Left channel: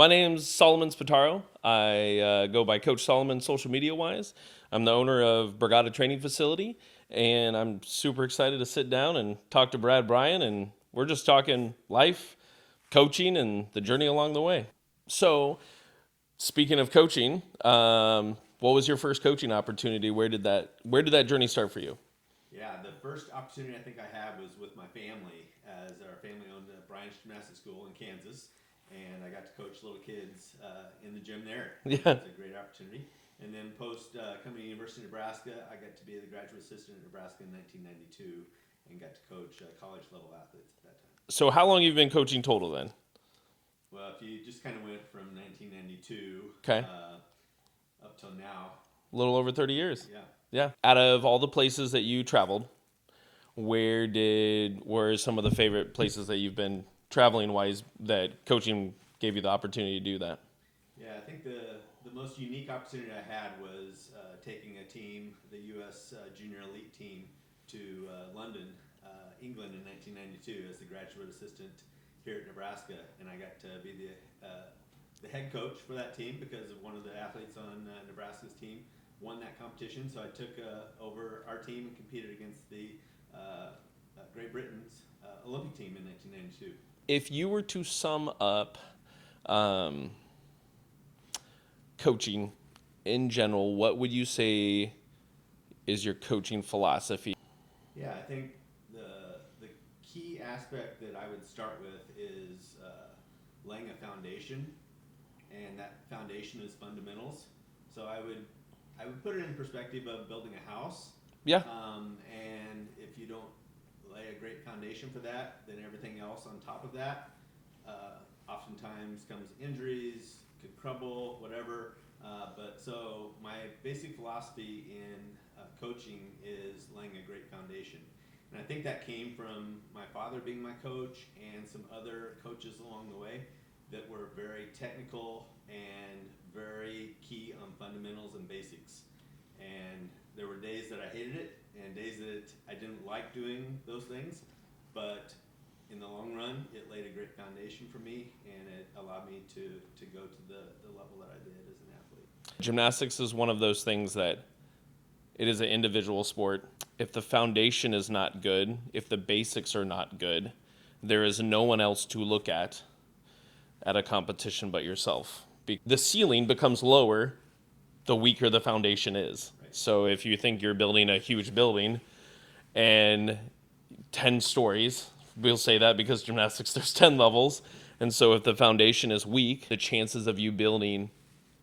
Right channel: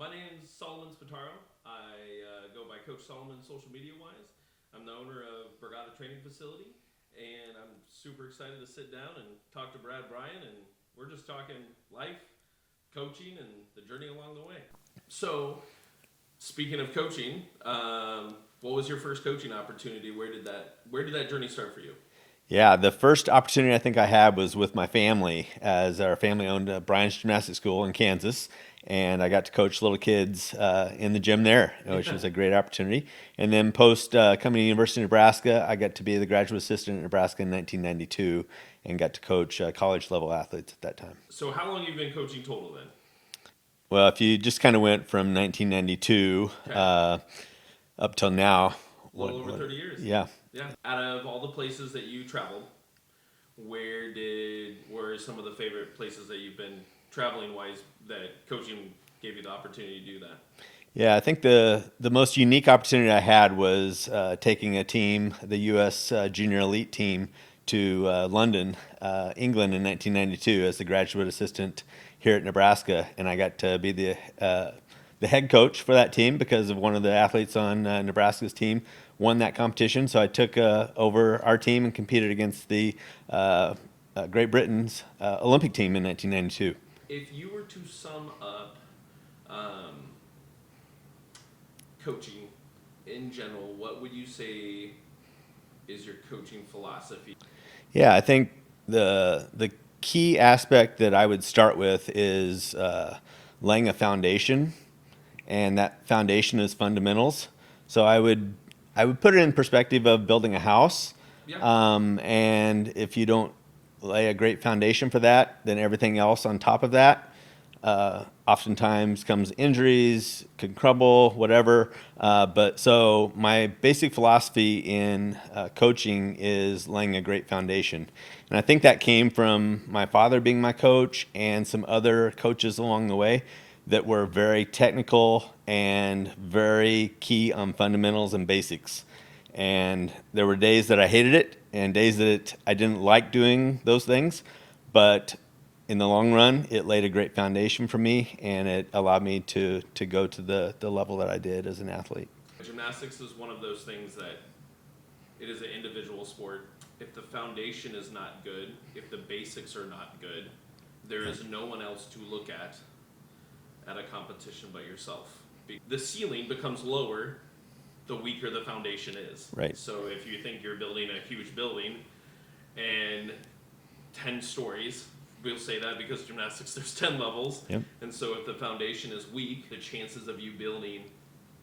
My name's Solomon Spataro. I go by Coach Solomon social media wise. I'm the owner of Brigata Training Facility, and I'm super excited to sit down and talk to Bryan, and we're just talking life, coaching, and the journey along the way. So, speaking of coaching, what was your first coaching opportunity? Where did that journey start for you? Yeah, the first opportunity I think I had was with my family, as our family owned Bryan's Gymnastics School in Kansas, and I got to coach little kids in the gym there, which Yeah. was a great opportunity. And then post coming to University of Nebraska, I got to be the graduate assistant in Nebraska in 1992, and got to coach college level athletes at that time. So, how long have you been coaching total then? Well, if you just kind of went from 1992 Okay. up till now, A little over 30 years. yeah. Yeah. Out of all the places that you traveled, where are some of the favorite places that you've been traveling wise that coaching gave you the opportunity to do that? Yeah, I think the most unique opportunity I had was taking a team, the U.S. Junior Elite team, to London, England in 1992 as the graduate assistant here at Nebraska, and I got to be the head coach for that team because of one of the athletes on Nebraska's team won that competition. So I took over our team and competed against the Great Britain's Olympic team in 1992. If you were to sum up um, coaching in general, what would you say is your coaching philosophy? Yeah, I think the key aspect that I would start with is laying a foundation, and that foundation is fundamentals. So I would put it in perspective of building a house, Yeah. and if you don't lay a great foundation for that, then everything else on top of that oftentimes comes injuries, can crumble, whatever. But so my basic philosophy in coaching is laying a great foundation. And I think that came from my father being my coach and some other coaches along the way that were very technical and very key on fundamentals and basics. And there were days that I hated it and days that I didn't like doing those things. But in the long run, it laid a great foundation for me, and it allowed me to go to the level that I did as an athlete. Gymnastics is one of those things that it is an individual sport. If the foundation is not good, if the basics are not good, there is no one else to look at a competition but yourself. The ceiling becomes lower the weaker the foundation is. Right. So if you think you're building a huge building and 10 stories, we'll say that because gymnastics there's 10 levels. Yep. And so if the foundation is weak, the chances of you building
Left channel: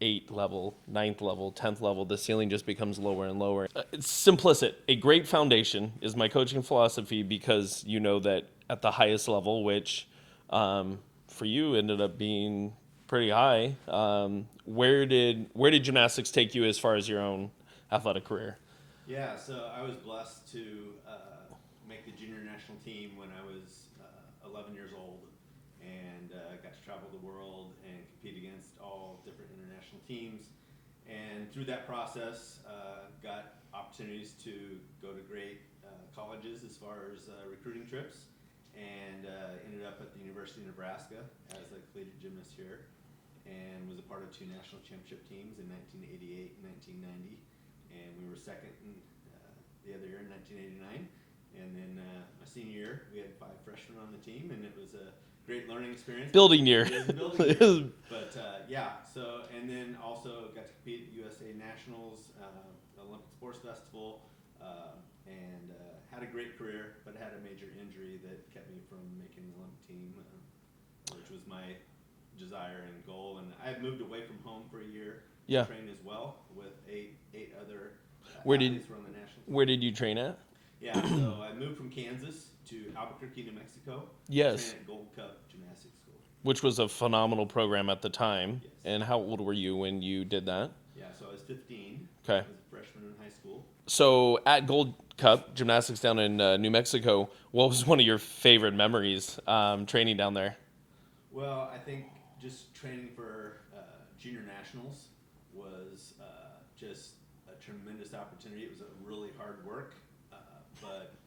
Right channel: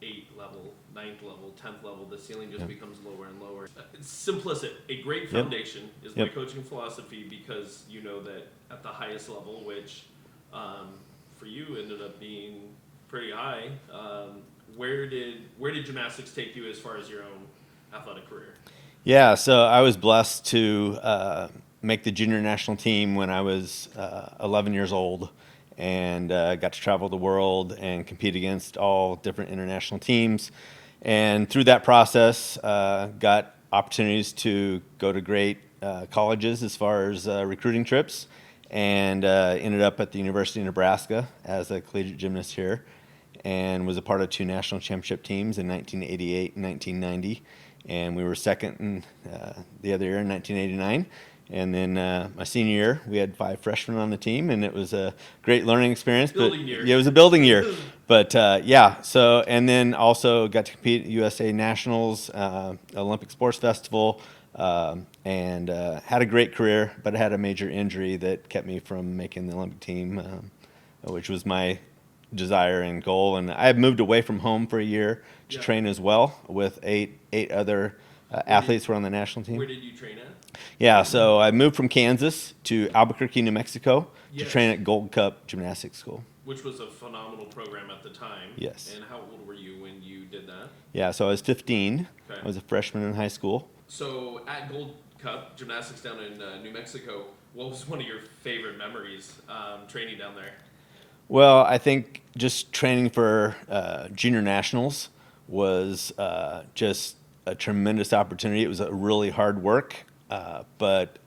8th level, 9th level, 10th level, the ceiling just becomes lower and lower. It's simplistic. A great foundation is my coaching philosophy because you know that at the highest level, which for you ended up being pretty high, where did gymnastics take you as far as your own athletic career? Yeah, so I was blessed to make the junior national team when I was 11 years old, and got to travel the world and compete against all different international teams. And through that process, got opportunities to go to great colleges as far as recruiting trips, and ended up at the University of Nebraska as a collegiate gymnast here, and was a part of two national championship teams in 1988 and 1990. And we were second in, the other year in 1989. And then my senior year, we had 5 freshmen on the team, and it was a great learning experience. Building year. Yeah, it was a building year. But yeah, so, and then also got to compete at USA Nationals, Olympic Sports Festival, and had a great career, but I had a major injury that kept me from making the Olympic team, which was my desire and goal. And I had moved away from home for a year to Yeah. train as well with eight other athletes who were on the national team. Where did you train at? Yeah, so I moved from Kansas to Albuquerque, New Mexico Yes. to train at Gold Cup Gymnastics School. Which was a phenomenal program at the time. Yes. And how old were you when you did that? Yeah, so I was 15. Okay. I was a freshman in high school. So at Gold Cup Gymnastics down in New Mexico, what was one of your favorite memories training down there? Well, I think just training for junior nationals was just a tremendous opportunity. It was a really hard work, but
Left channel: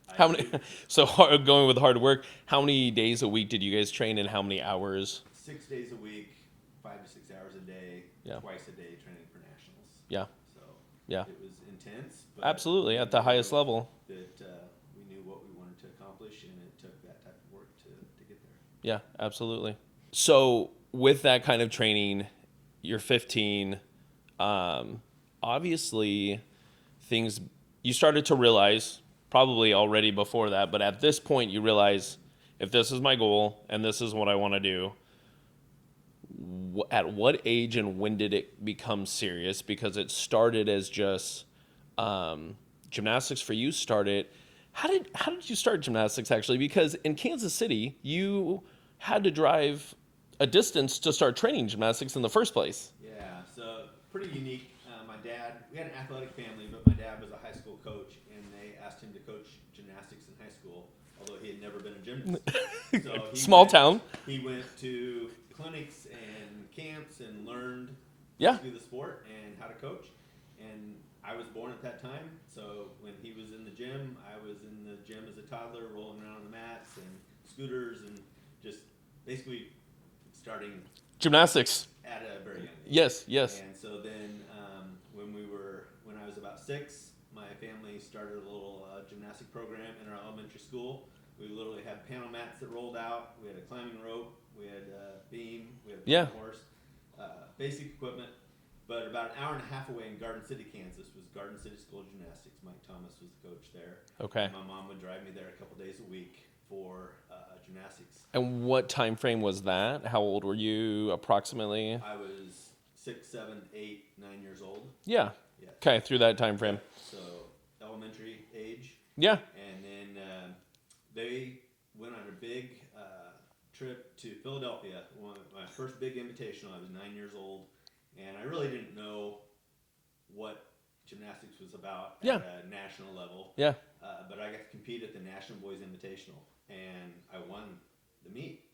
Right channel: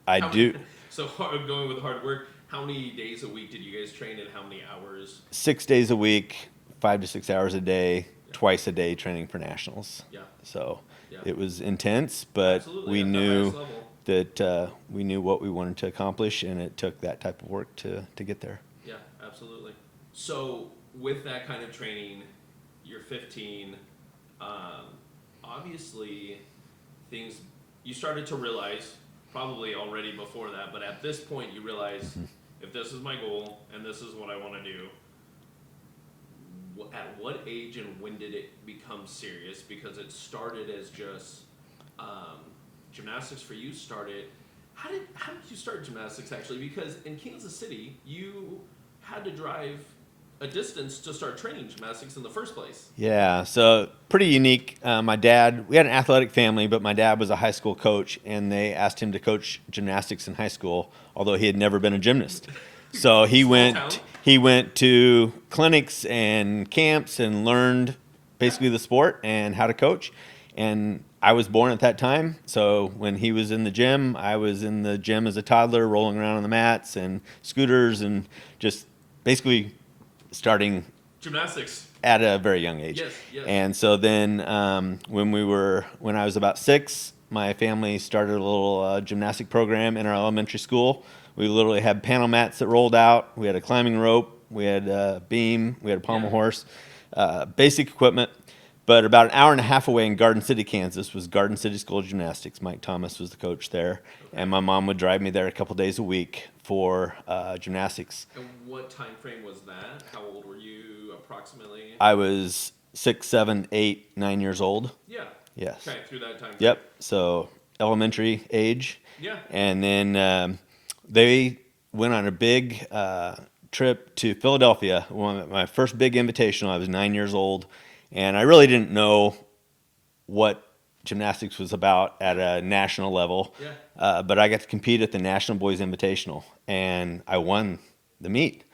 So going with hard work, how many days a week did you guys train and how many hours? 6 days a week, 5 to 6 hours a day, Yeah. twice a day training for nationals. Yeah. So Yeah. it was intense, but Absolutely, we at knew the highest level. that we knew what we wanted to accomplish, and it took that type of work to get there. Yeah, absolutely. So with that kind of training, you're 15. Um, Obviously, things you started to realize probably already before that, but at this point, you realize if this is my goal and this is what I want to do. At what age and when did it become serious? Because it started as just gymnastics for you. Started. How did you start gymnastics actually? Because in Kansas City, you had to drive a distance to start training gymnastics in the first place. Yeah, so pretty unique. My dad, we had an athletic family, but my dad was a high school coach, and they asked him to coach gymnastics in high school, although he had never been a gymnast. So Small town. he went to clinics and camps and learned basically Yeah. the sport and how to coach. And I was born at that time, so when he was in the gym, I was in the gym as a toddler, rolling around on the mats and scooters, and just basically starting Gymnastics. at a very young age. Yes, yes. And so then when I was about 6, my family started a little gymnastic program in our elementary school. We literally had panel mats that rolled out. We had a climbing rope. We had a beam. We had a pommel Yeah. horse. Basic equipment. But about an hour and a half away in Garden City, Kansas, was Garden City School of Gymnastics. Mike Thomas was the coach there. Okay. And my mom would drive me there a couple days a week for gymnastics. And what time frame was that? How old were you approximately? I was 6, 7, 8, 9 years old. Yeah. Yes. Okay, through that time frame. Yep. So elementary age. Yeah. And then they went on a big trip to Philadelphia. My first big invitational. I was 9 years old, and I really didn't know what gymnastics was about at Yeah. a national level. Yeah. But I got to compete at the National Boys Invitational, and I won the meet.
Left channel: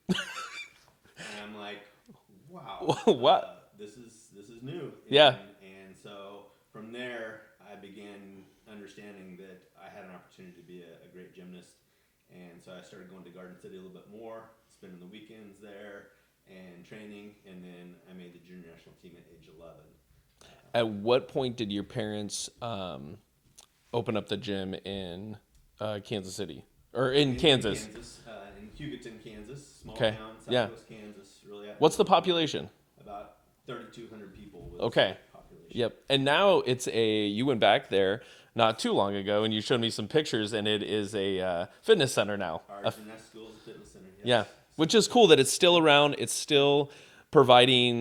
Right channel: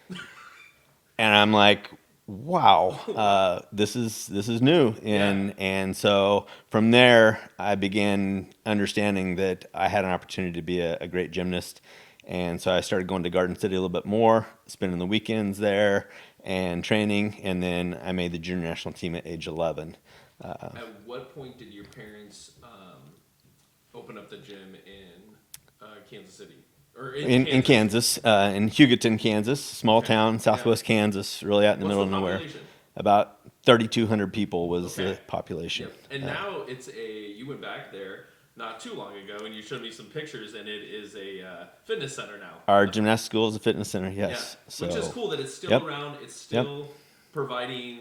And I'm like, wow, Wow. this is new. Yeah. And so from there, I began understanding that I had an opportunity to be a great gymnast. And so I started going to Garden City a little bit more, spending the weekends there and training. And then I made the junior national team at age 11. At what point did your parents open up the gym in Kansas City? Or in In Kansas? Kansas, in Hugoton, Kansas, small Okay. town, Yeah. southwest Kansas, really out in the What's middle the of nowhere. population? About 3,200 people was Okay. the population. Yep. And now you went back there not too long ago and you showed me some pictures and it is a fitness center now. Our gymnastics school is a fitness center, yes. Yeah. Which So- is cool that it's still Yep. around. It's still providing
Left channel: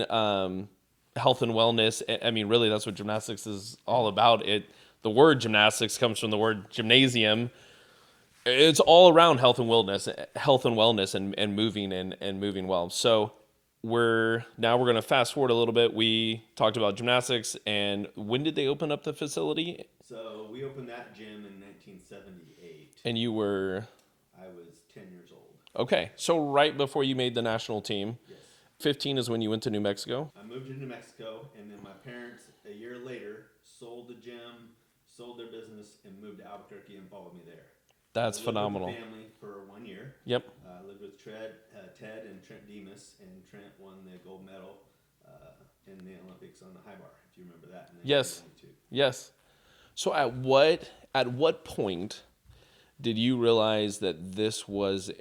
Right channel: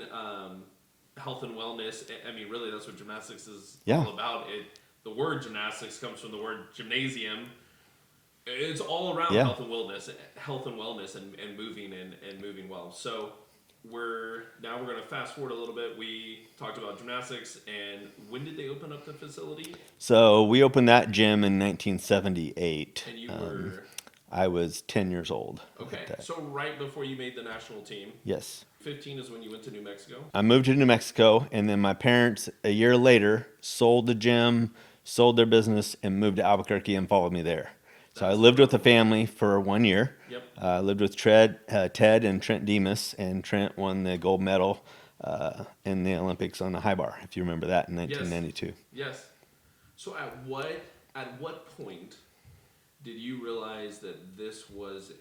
health and wellness. I mean, really, that's what gymnastics is Yeah. all about. The word gymnastics comes from the word gymnasium. It's all around Yeah. health and wellness, and moving and moving well. So we're going to fast forward a little bit. We talked about gymnastics, and when did they open up the facility? So we opened that gym in 1978. And you were I was 10 years old. okay. So right before you made the national team, Yes. 15 is when you went to New Mexico. I moved to New Mexico, and then my parents, a year later, sold the gym, sold their business, and moved to Albuquerque and followed me there. So I That's lived with the phenomenal. family for 1 year. Yep. I lived with Ted and Trent Demas, and Trent won the gold medal in the Olympics on the high bar, if you remember that, in Yes. 1992. Yes. So at what point did you realize that this was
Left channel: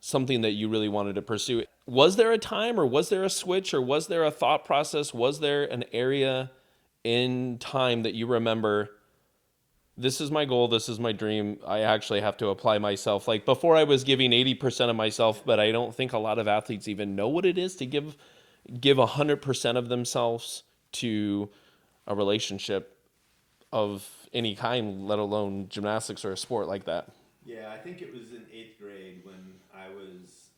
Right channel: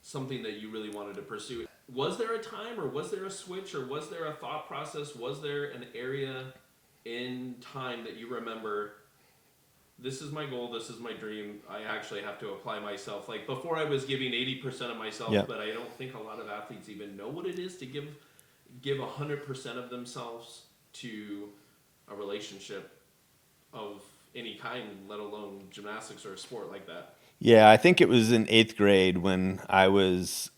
something that you really wanted to pursue? Was there a time, or was there a switch, or was there a thought process? Was there an area in time that you remember, this is my goal, this is my dream, I actually have to apply myself? Like before I was giving 80% of myself, Yep. but I don't think a lot of athletes even know what it is to give 100% of themselves to a relationship of any kind, let alone gymnastics or a sport like that. Yeah, I think it was in 8th grade when I was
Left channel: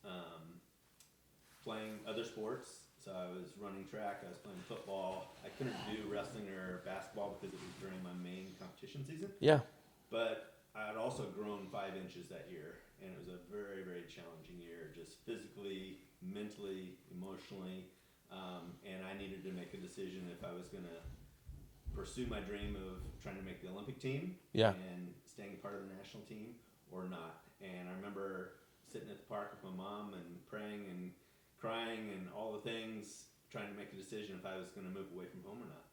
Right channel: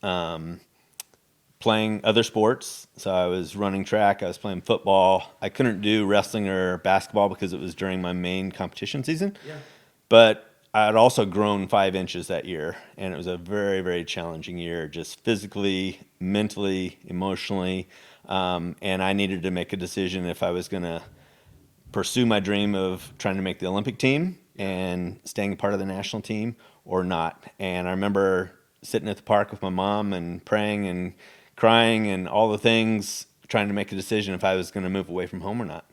playing other sports. So I was running track, I was playing football. I couldn't do wrestling or basketball because it was during my main competition season. Yeah. But I had also grown 5 inches that year, and it was a very, very challenging year, just physically, mentally, emotionally. And I needed to make a decision if I was going to pursue my dream of trying to make the Olympic team Yeah. and staying part of the national team or not. And I remember sitting at the park with my mom and praying and crying and all the things. trying to make a decision if I was going to move away from home or not,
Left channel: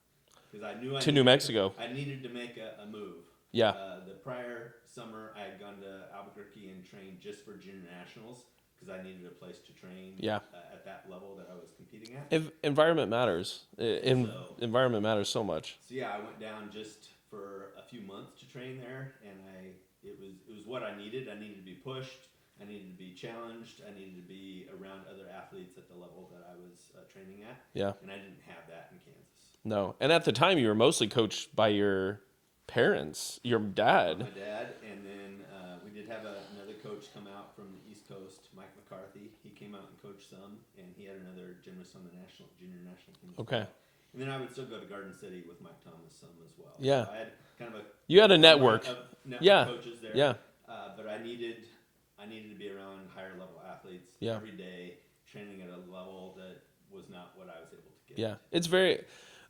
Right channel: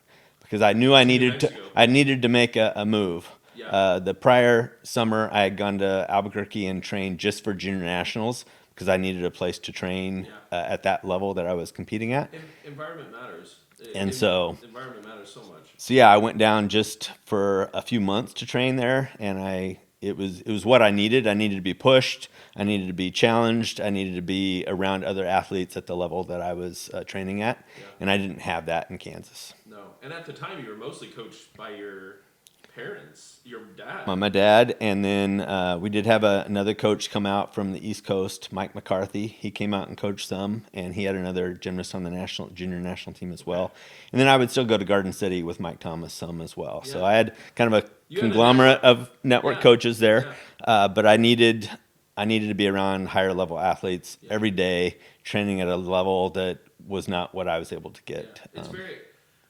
because I knew I New needed Mexico. I needed to make a move. Yeah. The prior summer, I had gone to Albuquerque and trained just for junior nationals because I needed a place to train Yeah. at that level that I was competing at. Environment matters. And so environment matters so much. So yeah, I went down just for a few months to train there, and it was what I needed. I needed to be pushed. I needed to be challenged. I needed to be around other athletes at the level that I was training at. Yeah. And I didn't have that in Kansas. No. And at the time, you were mostly coached by your parents, your dad. My dad, and then we did have another coach come out from the East Coast, Mike McCarthy. He came out and coached some, and he had another gymnast on the junior national team as well. And then I would still go to Garden City with Mike Thomas some as well. Yeah. So I had kind of a You had a conglomerate network. of network Yeah. coaches there. Yeah. But I needed to be around higher level athletes Yeah. every day, training at a level that was not what I was able to get. Yeah. It's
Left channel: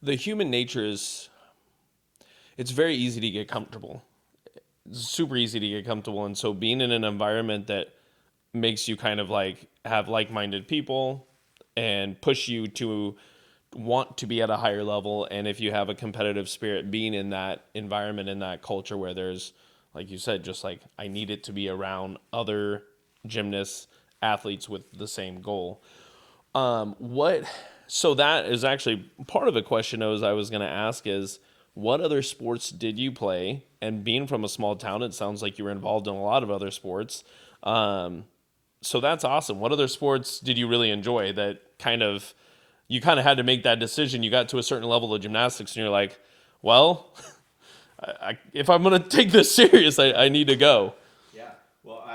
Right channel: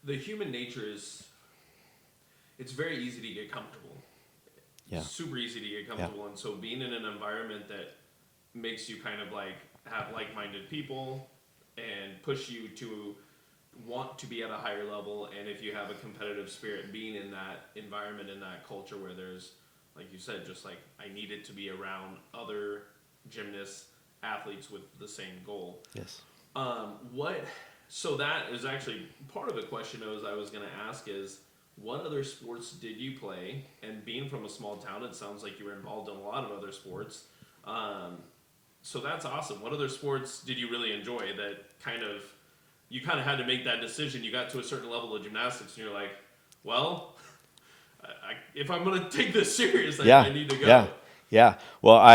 the human nature is, it's very easy to get comfortable. Yeah. Super easy to get comfortable. And so being in an environment that makes you kind of like have like-minded people and push you to want to be at a higher level, and if you have a competitive spirit, being in that environment, in that culture where there's, like you said, just like I need it to be around other gymnasts, athletes with the same goal. Yes. So that is actually part of the question I was going to ask is, what other sports did you play? And being from a small town, it sounds like you were involved in a lot of other sports. So that's awesome. What other sports did you really enjoy that you kind of had to make that decision? You got to a certain level of gymnastics and you're like, well, if I'm going to take this serious, I need to go. Yeah. Well,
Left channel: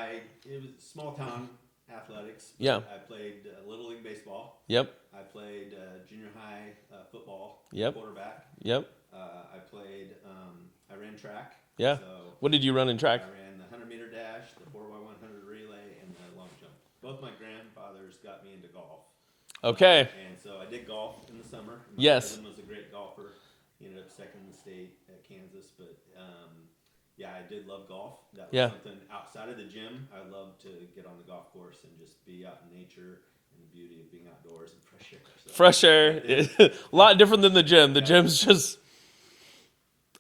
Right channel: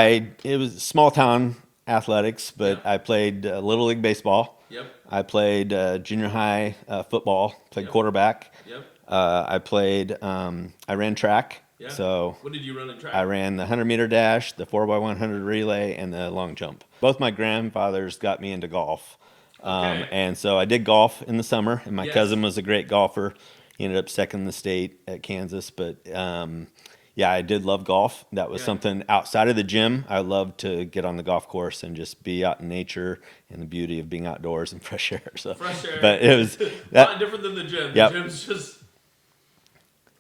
it was small town athletics, but Yeah. I played Little League baseball. Yep. I played junior high football, played Yep. quarterback. Yep. I ran track. Yeah. So What did you run in track? I ran the 100-meter dash, the 4x100 relay, and the long jump. Both my grandfathers got me into golf. Okay. And so I did golf in the summer, and my Yes. cousin was a great golfer. He ended up second in the state at Kansas. But yeah, I did love golf. That was Yeah. something outside of the gym. I loved to get on the golf course and just be out in nature and the beauty of being outdoors and fresh air. So, Fresh air. But it was a lot different than the gym. The Yep. gym's just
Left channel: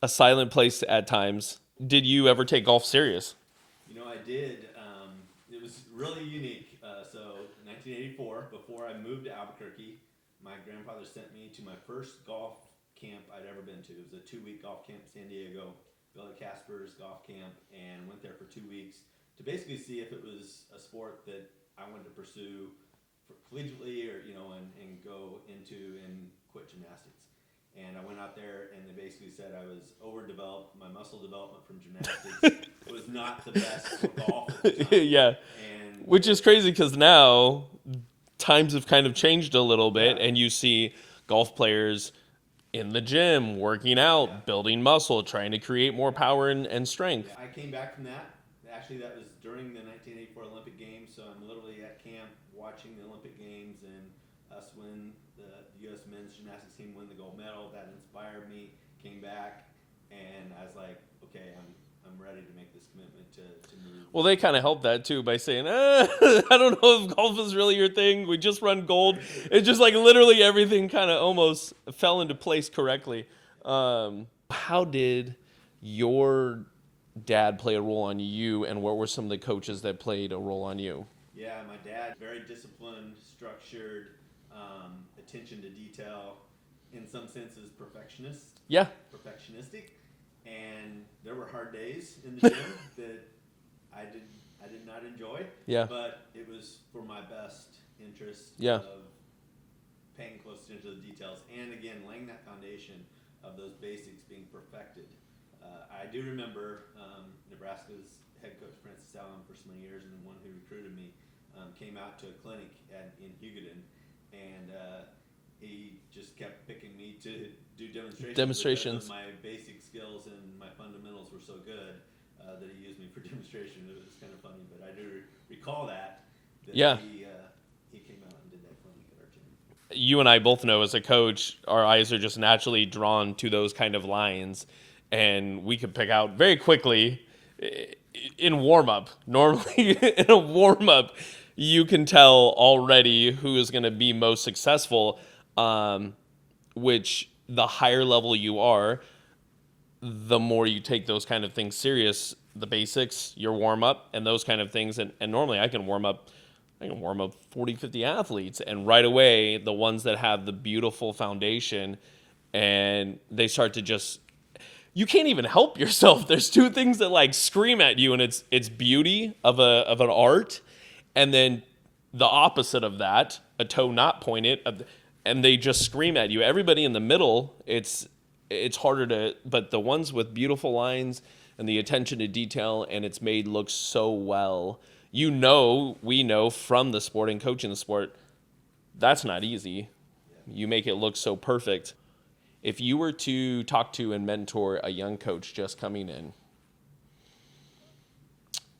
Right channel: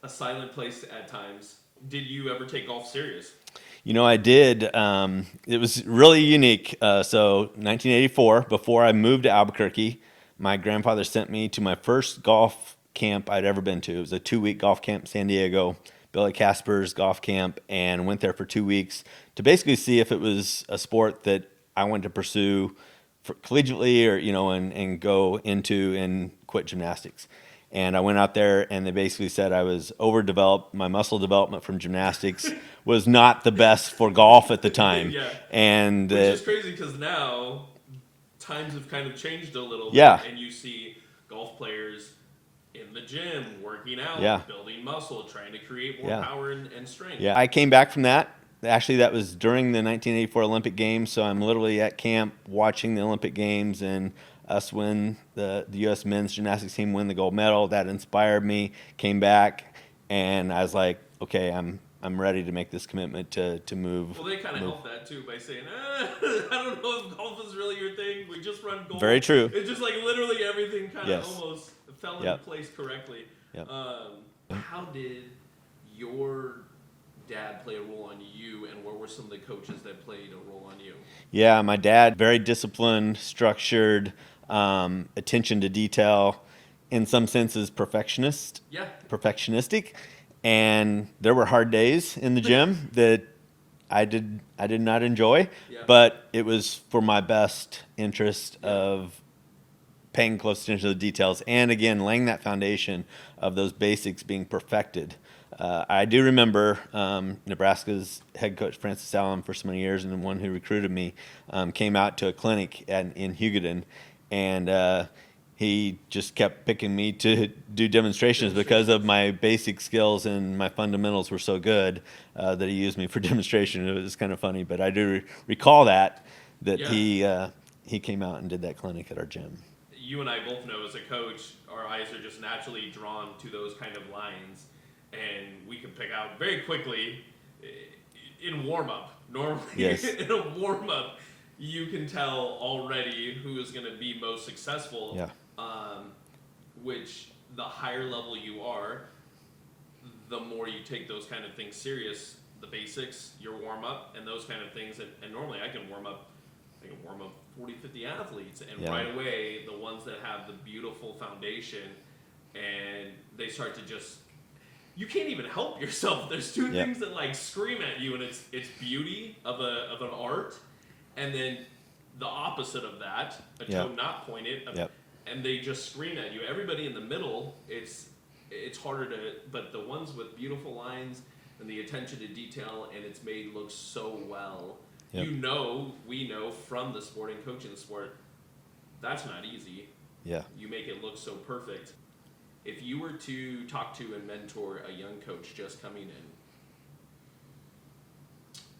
a silent place at times. Did you ever take golf serious? I did. It was really unique. So 1984, before I moved to Albuquerque, my grandfather sent me to my first golf camp I'd ever been to. It was a 2-week golf camp in San Diego, Billy Casper's golf camp, and went there for 2 weeks to basically see if it was a sport that I wanted to pursue collegiately or, and go into and quit gymnastics. And I went out there, and they basically said I was overdeveloped. My muscle development from gymnastics was not the best for golf at the time. Yeah. And Which is crazy because now times have kind of changed a little bit, Yeah. and you see golf players in the gym working out, Yeah. building muscle, trying to create more Yeah. power and strength. Yeah, I came back from that. Actually, that was during the 1984 Olympic Games, so I'm literally at camp watching the Olympic Games and us win the U.S. men's gymnastics team win the gold medal. That inspired me. Came back, and I was like, okay, I'm ready to make this commitment to move. Well, they kind of helped that too by saying, I don't know if golf is really your thing. We just run gold. Very true. It's just like literally everything kind of Yes. almost fell into Yep. place correctly. Yep. How did your dad play a role on you, and what were some of the coaches that played a role on you? Yeah, my dad, very disciplined, structured, attention to detail, in some senses perfectionistic. And there were hard days in the gym that I did not enjoy, Yeah. but it was for my best interest Yeah. of paying close attention to the details, and again, laying that foundation of those basics being perfected. I do remember Nebraska's head coach, Francis Allen, for so many years, and the one who recruited me, came out to a clinic in Hugoton, and he just kept picking me to do demonstrations because of my basic skills, and my fundamentals were so good that he used me for demonstration. It was kind of funny, but I do recall that Yeah. he came out and did that clinic at our gym. You and I both know as a coach, our eyes are just naturally drawn to those kind of lines, and we could pick out very quickly in warm-up. Normally, Yes. in a warm-up, you can tell already who is going to be most successful. Yeah. which the higher level you are, the more you take those kind of things serious, the basics, your warm up and those kind of things. And normally I can warm up 40, 50 athletes, and right away, the ones that have the beautiful foundation and they start to just, you can't even help yourself. There's two things that like scream at you, and it's beauty of an art, and then the opposite of that, a toe not pointed, and they just scream at you. Everybody in the middle, it's harder to, but the ones with beautiful lines and the attention to detail, and it's made look so well. We know from the sport and coaching the sport, that's not easy. Yeah. You make it look so perfect. If you were to talk to and mentor a young coach just coming in,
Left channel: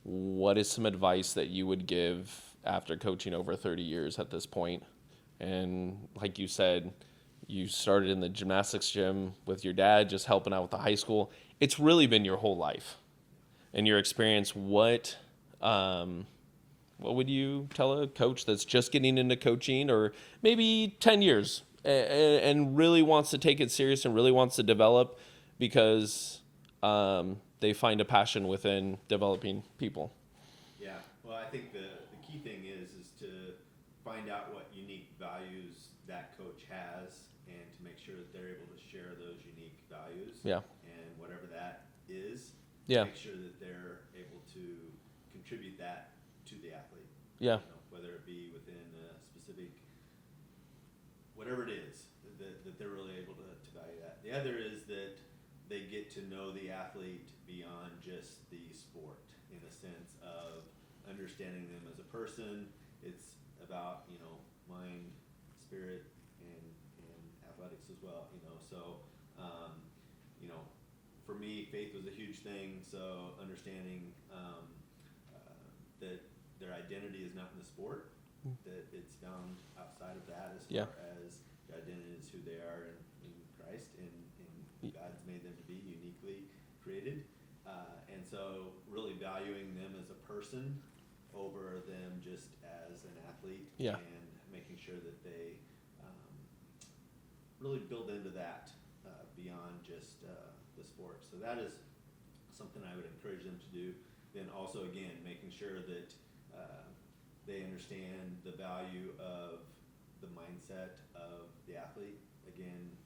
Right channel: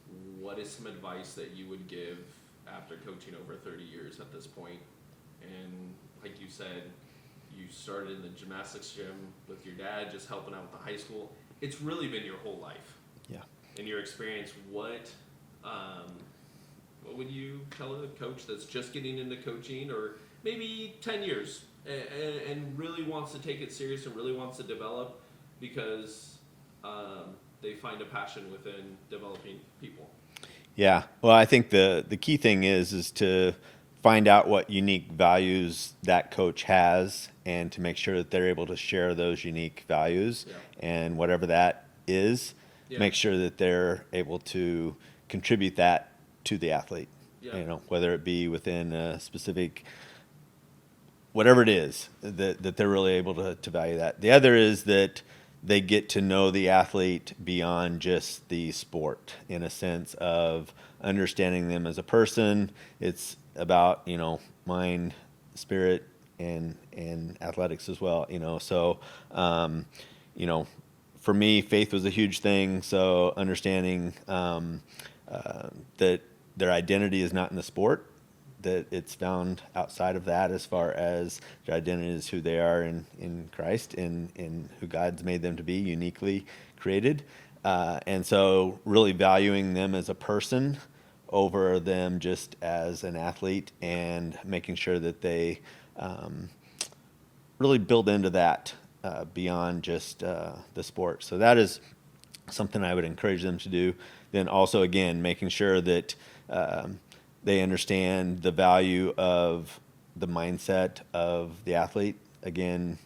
what is some advice that you would give after coaching over 30 years at this point? And like you said, you started in the gymnastics gym with your dad, just helping out with the high school. It's really been your whole life. Yeah. In your experience, what would you tell a coach that's just getting into coaching, or maybe 10 years and really wants to take it serious and really wants to develop because they find a passion within developing people? Yeah. Well, I think the key thing is to find out what unique values that coach has and to make sure that they're able to share those unique values. Yeah. And whatever that is, make sure that they're able to contribute that to the athlete. Yeah. Whether it be within a specific, whatever it is, that they're really able to value that. The other is that they get to know the athlete beyond just the sport, in a sense of understanding them as a person. It's about, mind, spirit, and athletics as well. So, for me, faith was a huge thing. So understanding that their identity is not in the sport, that it's found outside of that, as far as their identity is who they are in Christ and who God's made them to be, uniquely created. And so really valuing them as a person over them just as an athlete, and making sure that they really build into that beyond just the sport. So that is something I would encourage them to do. Then also, again, making sure that they understand the value of the mindset of the athlete. Again,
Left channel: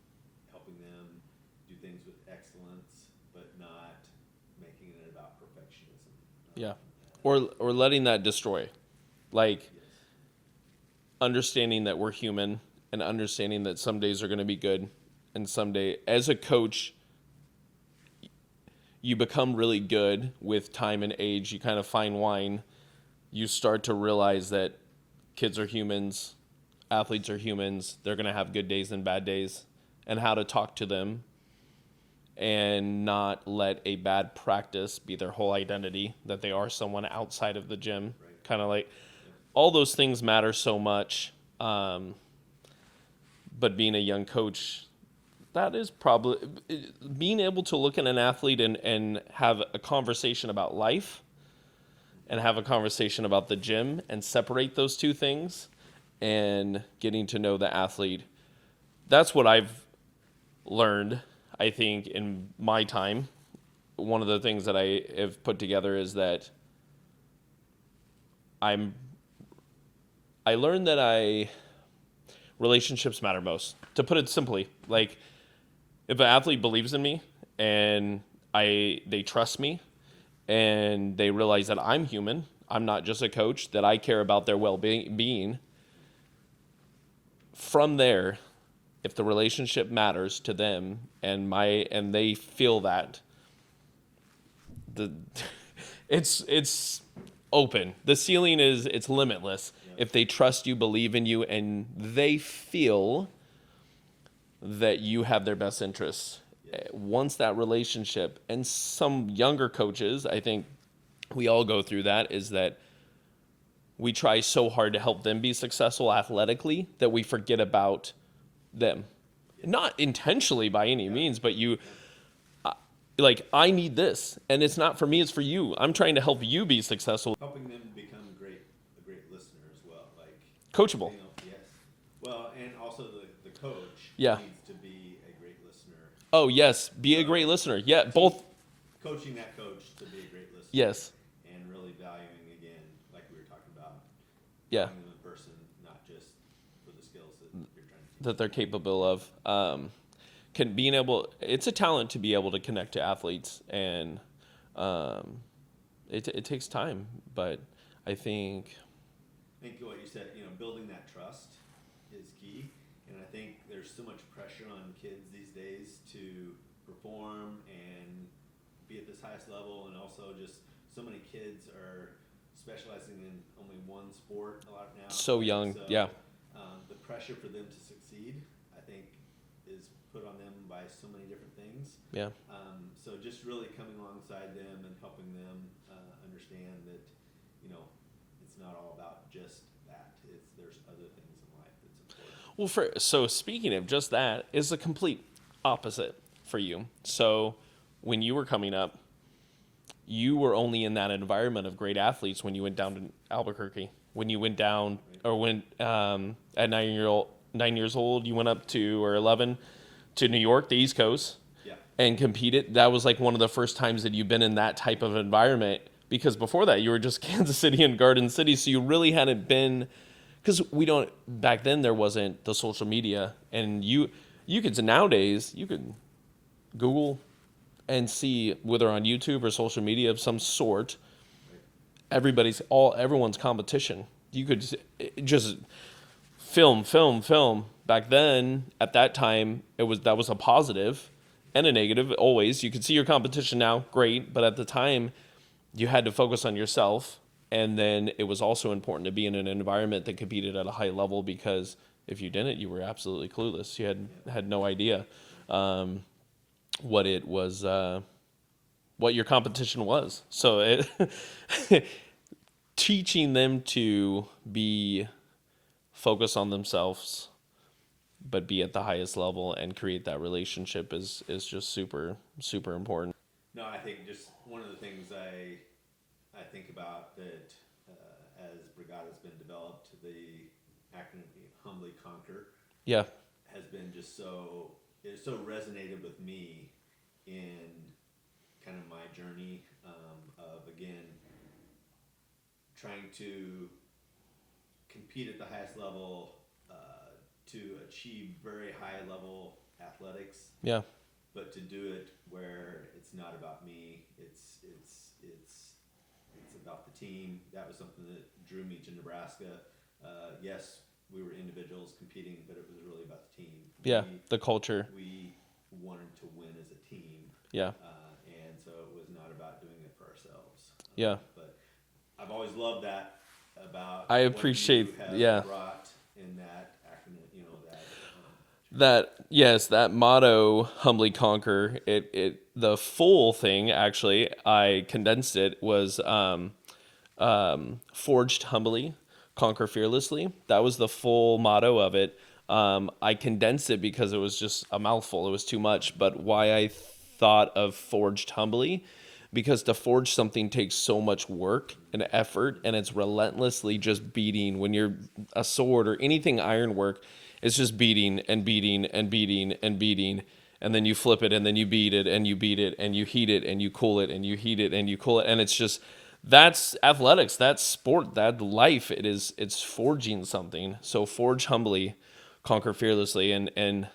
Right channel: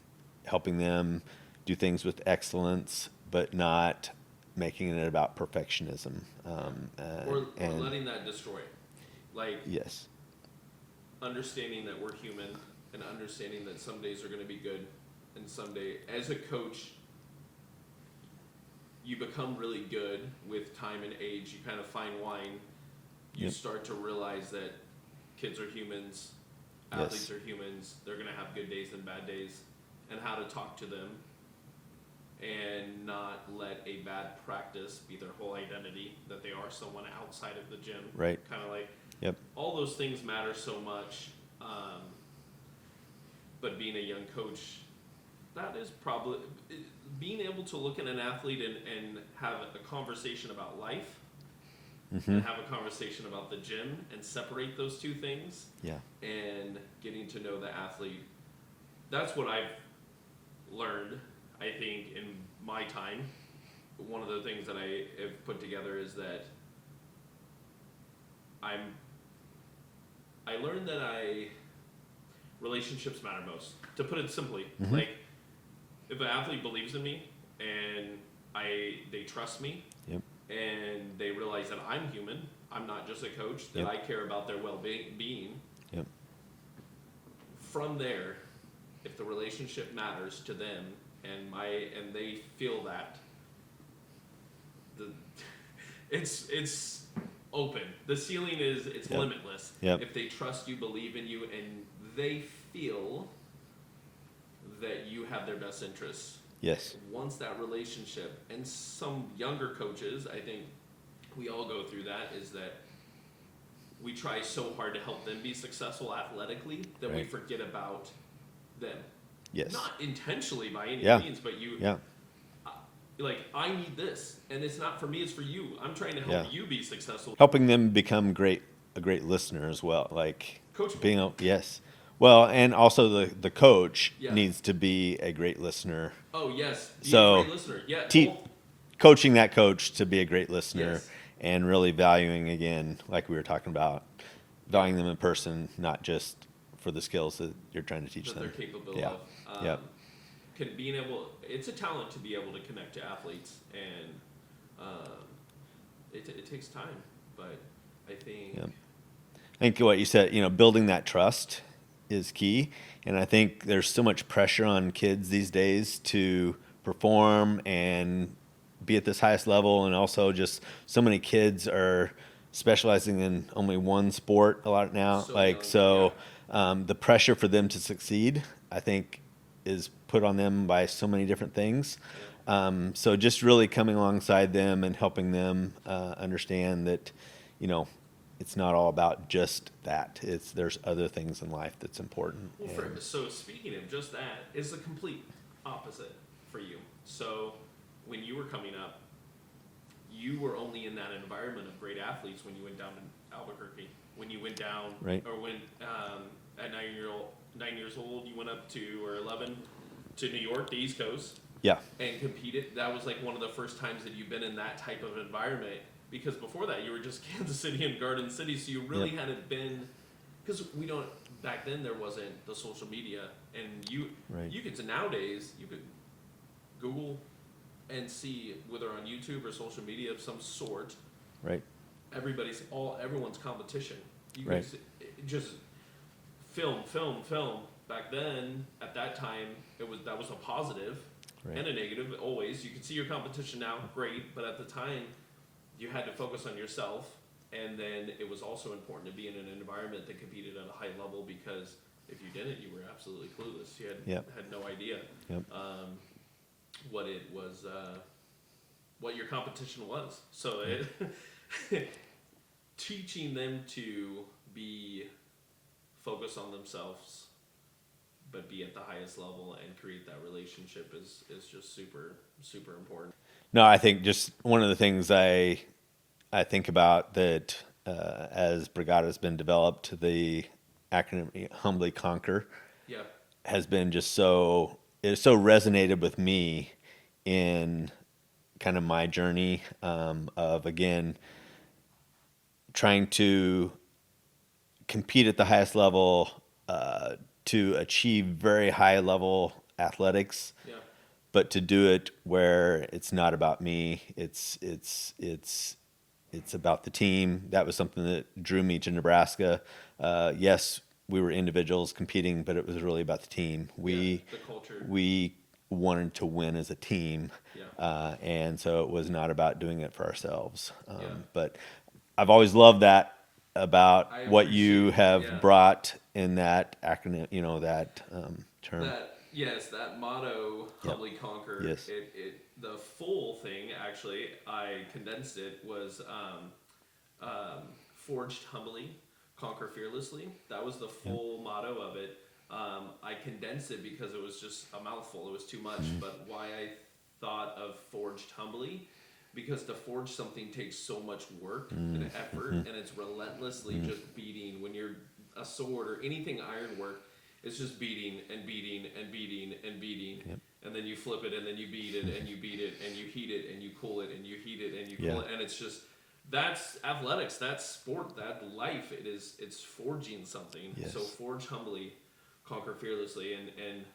helping them do things with excellence, but not making it about perfectionism. Or letting that destroy. Like, yes, understanding that we're human and understanding that some days are going to be good and some day, as a coach, you become really good with time and age. You kind of fine wine. You start to realize that kids are humans, athletes are humans. They're going to have good days and bad days, and how to talk to them and not let a bad practice be their whole identity, that they are someone outside of the gym. Right. Kind of like, all those things matter so much. But being a young coach, that is probably being able to look at an athlete and have a conversation about life, and have a conversation about the gym, and separate those two things, and getting to know the athlete. That's what I've learned, I think, in my time. One of the things that I have put together is that I learned that relationships matter most. To put it simply, like, if an athlete believes in me and they trust me, and they realize that I'm human, I'm not just a coach, that I care about their well-being. From there, if the relationship matters to them and they feel that, it's open. The ceiling is limitless. If they trust you, believe in you, and they feel that you have their best interests. Once that relationship, and some younger coaches, I think we all go through that, is that we try so hard to help them be successful athletically that we forget about them. Not intentionally by any means, but like, I need this, and it's not for me, it's for you. I'm trying to help you be successful. Helping them become a great listener as well. Like, coachable. Well, and also the coach Yeah. needs to be a great listener. Oh yes, be a So great listener. Yeah, te- both. coaching that coach to be a great listener Yes. and really valuing, again, like we were talking about, Yeah. valuing them in person, not just for the skills that you're trying to teach That them. they're capable Yeah. of. It's a talent to be able to connect to athletes, and um, it takes time, but I think I think what you said, building that trust is key. And I think there's so much pressure on kids these days to perform and be at this highest level. And also just so many kids are specializing in only one sport a lot now. so young. The pressure for them to succeed, I think, is put on them by so many different things. So just really coming alongside them and helping them understand that, it's not all about just that. There's other things in life that's important. Well, so speaking of just that, is the complete opposite for you. So when you were coming up, you were only in that environment of great athletes when you went down to Albuquerque. When you went down, Right. or when at 9 years old, you went up to, or 11, to New York, the East Coast, Yeah. and competed. That was like one of the first times that you've been in that type of environment, because before that you were just Kansas City and Garden City, so you really hadn't been, because back then there wasn't the social media, and you could, nowadays you could Google and see, whether on YouTube or social media of some sort, Right. everyone's competition. You could just film. Back then, at that time, that was a positive and a negative. Always, you could see your competition now, great, but at the time, you had to focus on yourself, and then it was also important to be in an environment that competed at a high level, because if you didn't, you were absolutely clueless. You had no idea what it was, what your competition was. So teaching them to be focused on themselves, but be at the highest level and create that relationship is just super, super important. No, I think just one of the things I think about that as Brigata has been developed, the acronym Humbly Conquer Yeah. has been it so resonated with me in kind of my journey of, again, trying to compete at the highest level, to achieve very high level athletics. Yeah. But to do it where it's not about me, it's about the team. That was something that drew me to Nebraska. Yes, we were individuals competing, but it was really about the team. The culture. We wanted to win as a team. Yeah. And so it was not about doing it for ourselves. Yeah. But I've always loved that about I what you appreciate- have brought in that acronym, that term. That motto, Humbly Conquer. Yes. The full thing, actually, I condensed it, was forged humbly, conquer fearlessly. That was the full motto of it. I condensed it because it was just a mouthful. It was too much. But why I thought of forged humbly, because to forge something takes so much work and effort, and it's relentlessly just beating. When you're a sword or anything ironwork, it's just beating and beating and beating and beating. And then you flip it, and then you beat it, and you beat it, and you heat it, and you cool it, and you heat it, and you cool it. And it's just, that's athletics, that's sport, that's life. It's forging something. Yes. So forge humbly, conquer fearlessly. And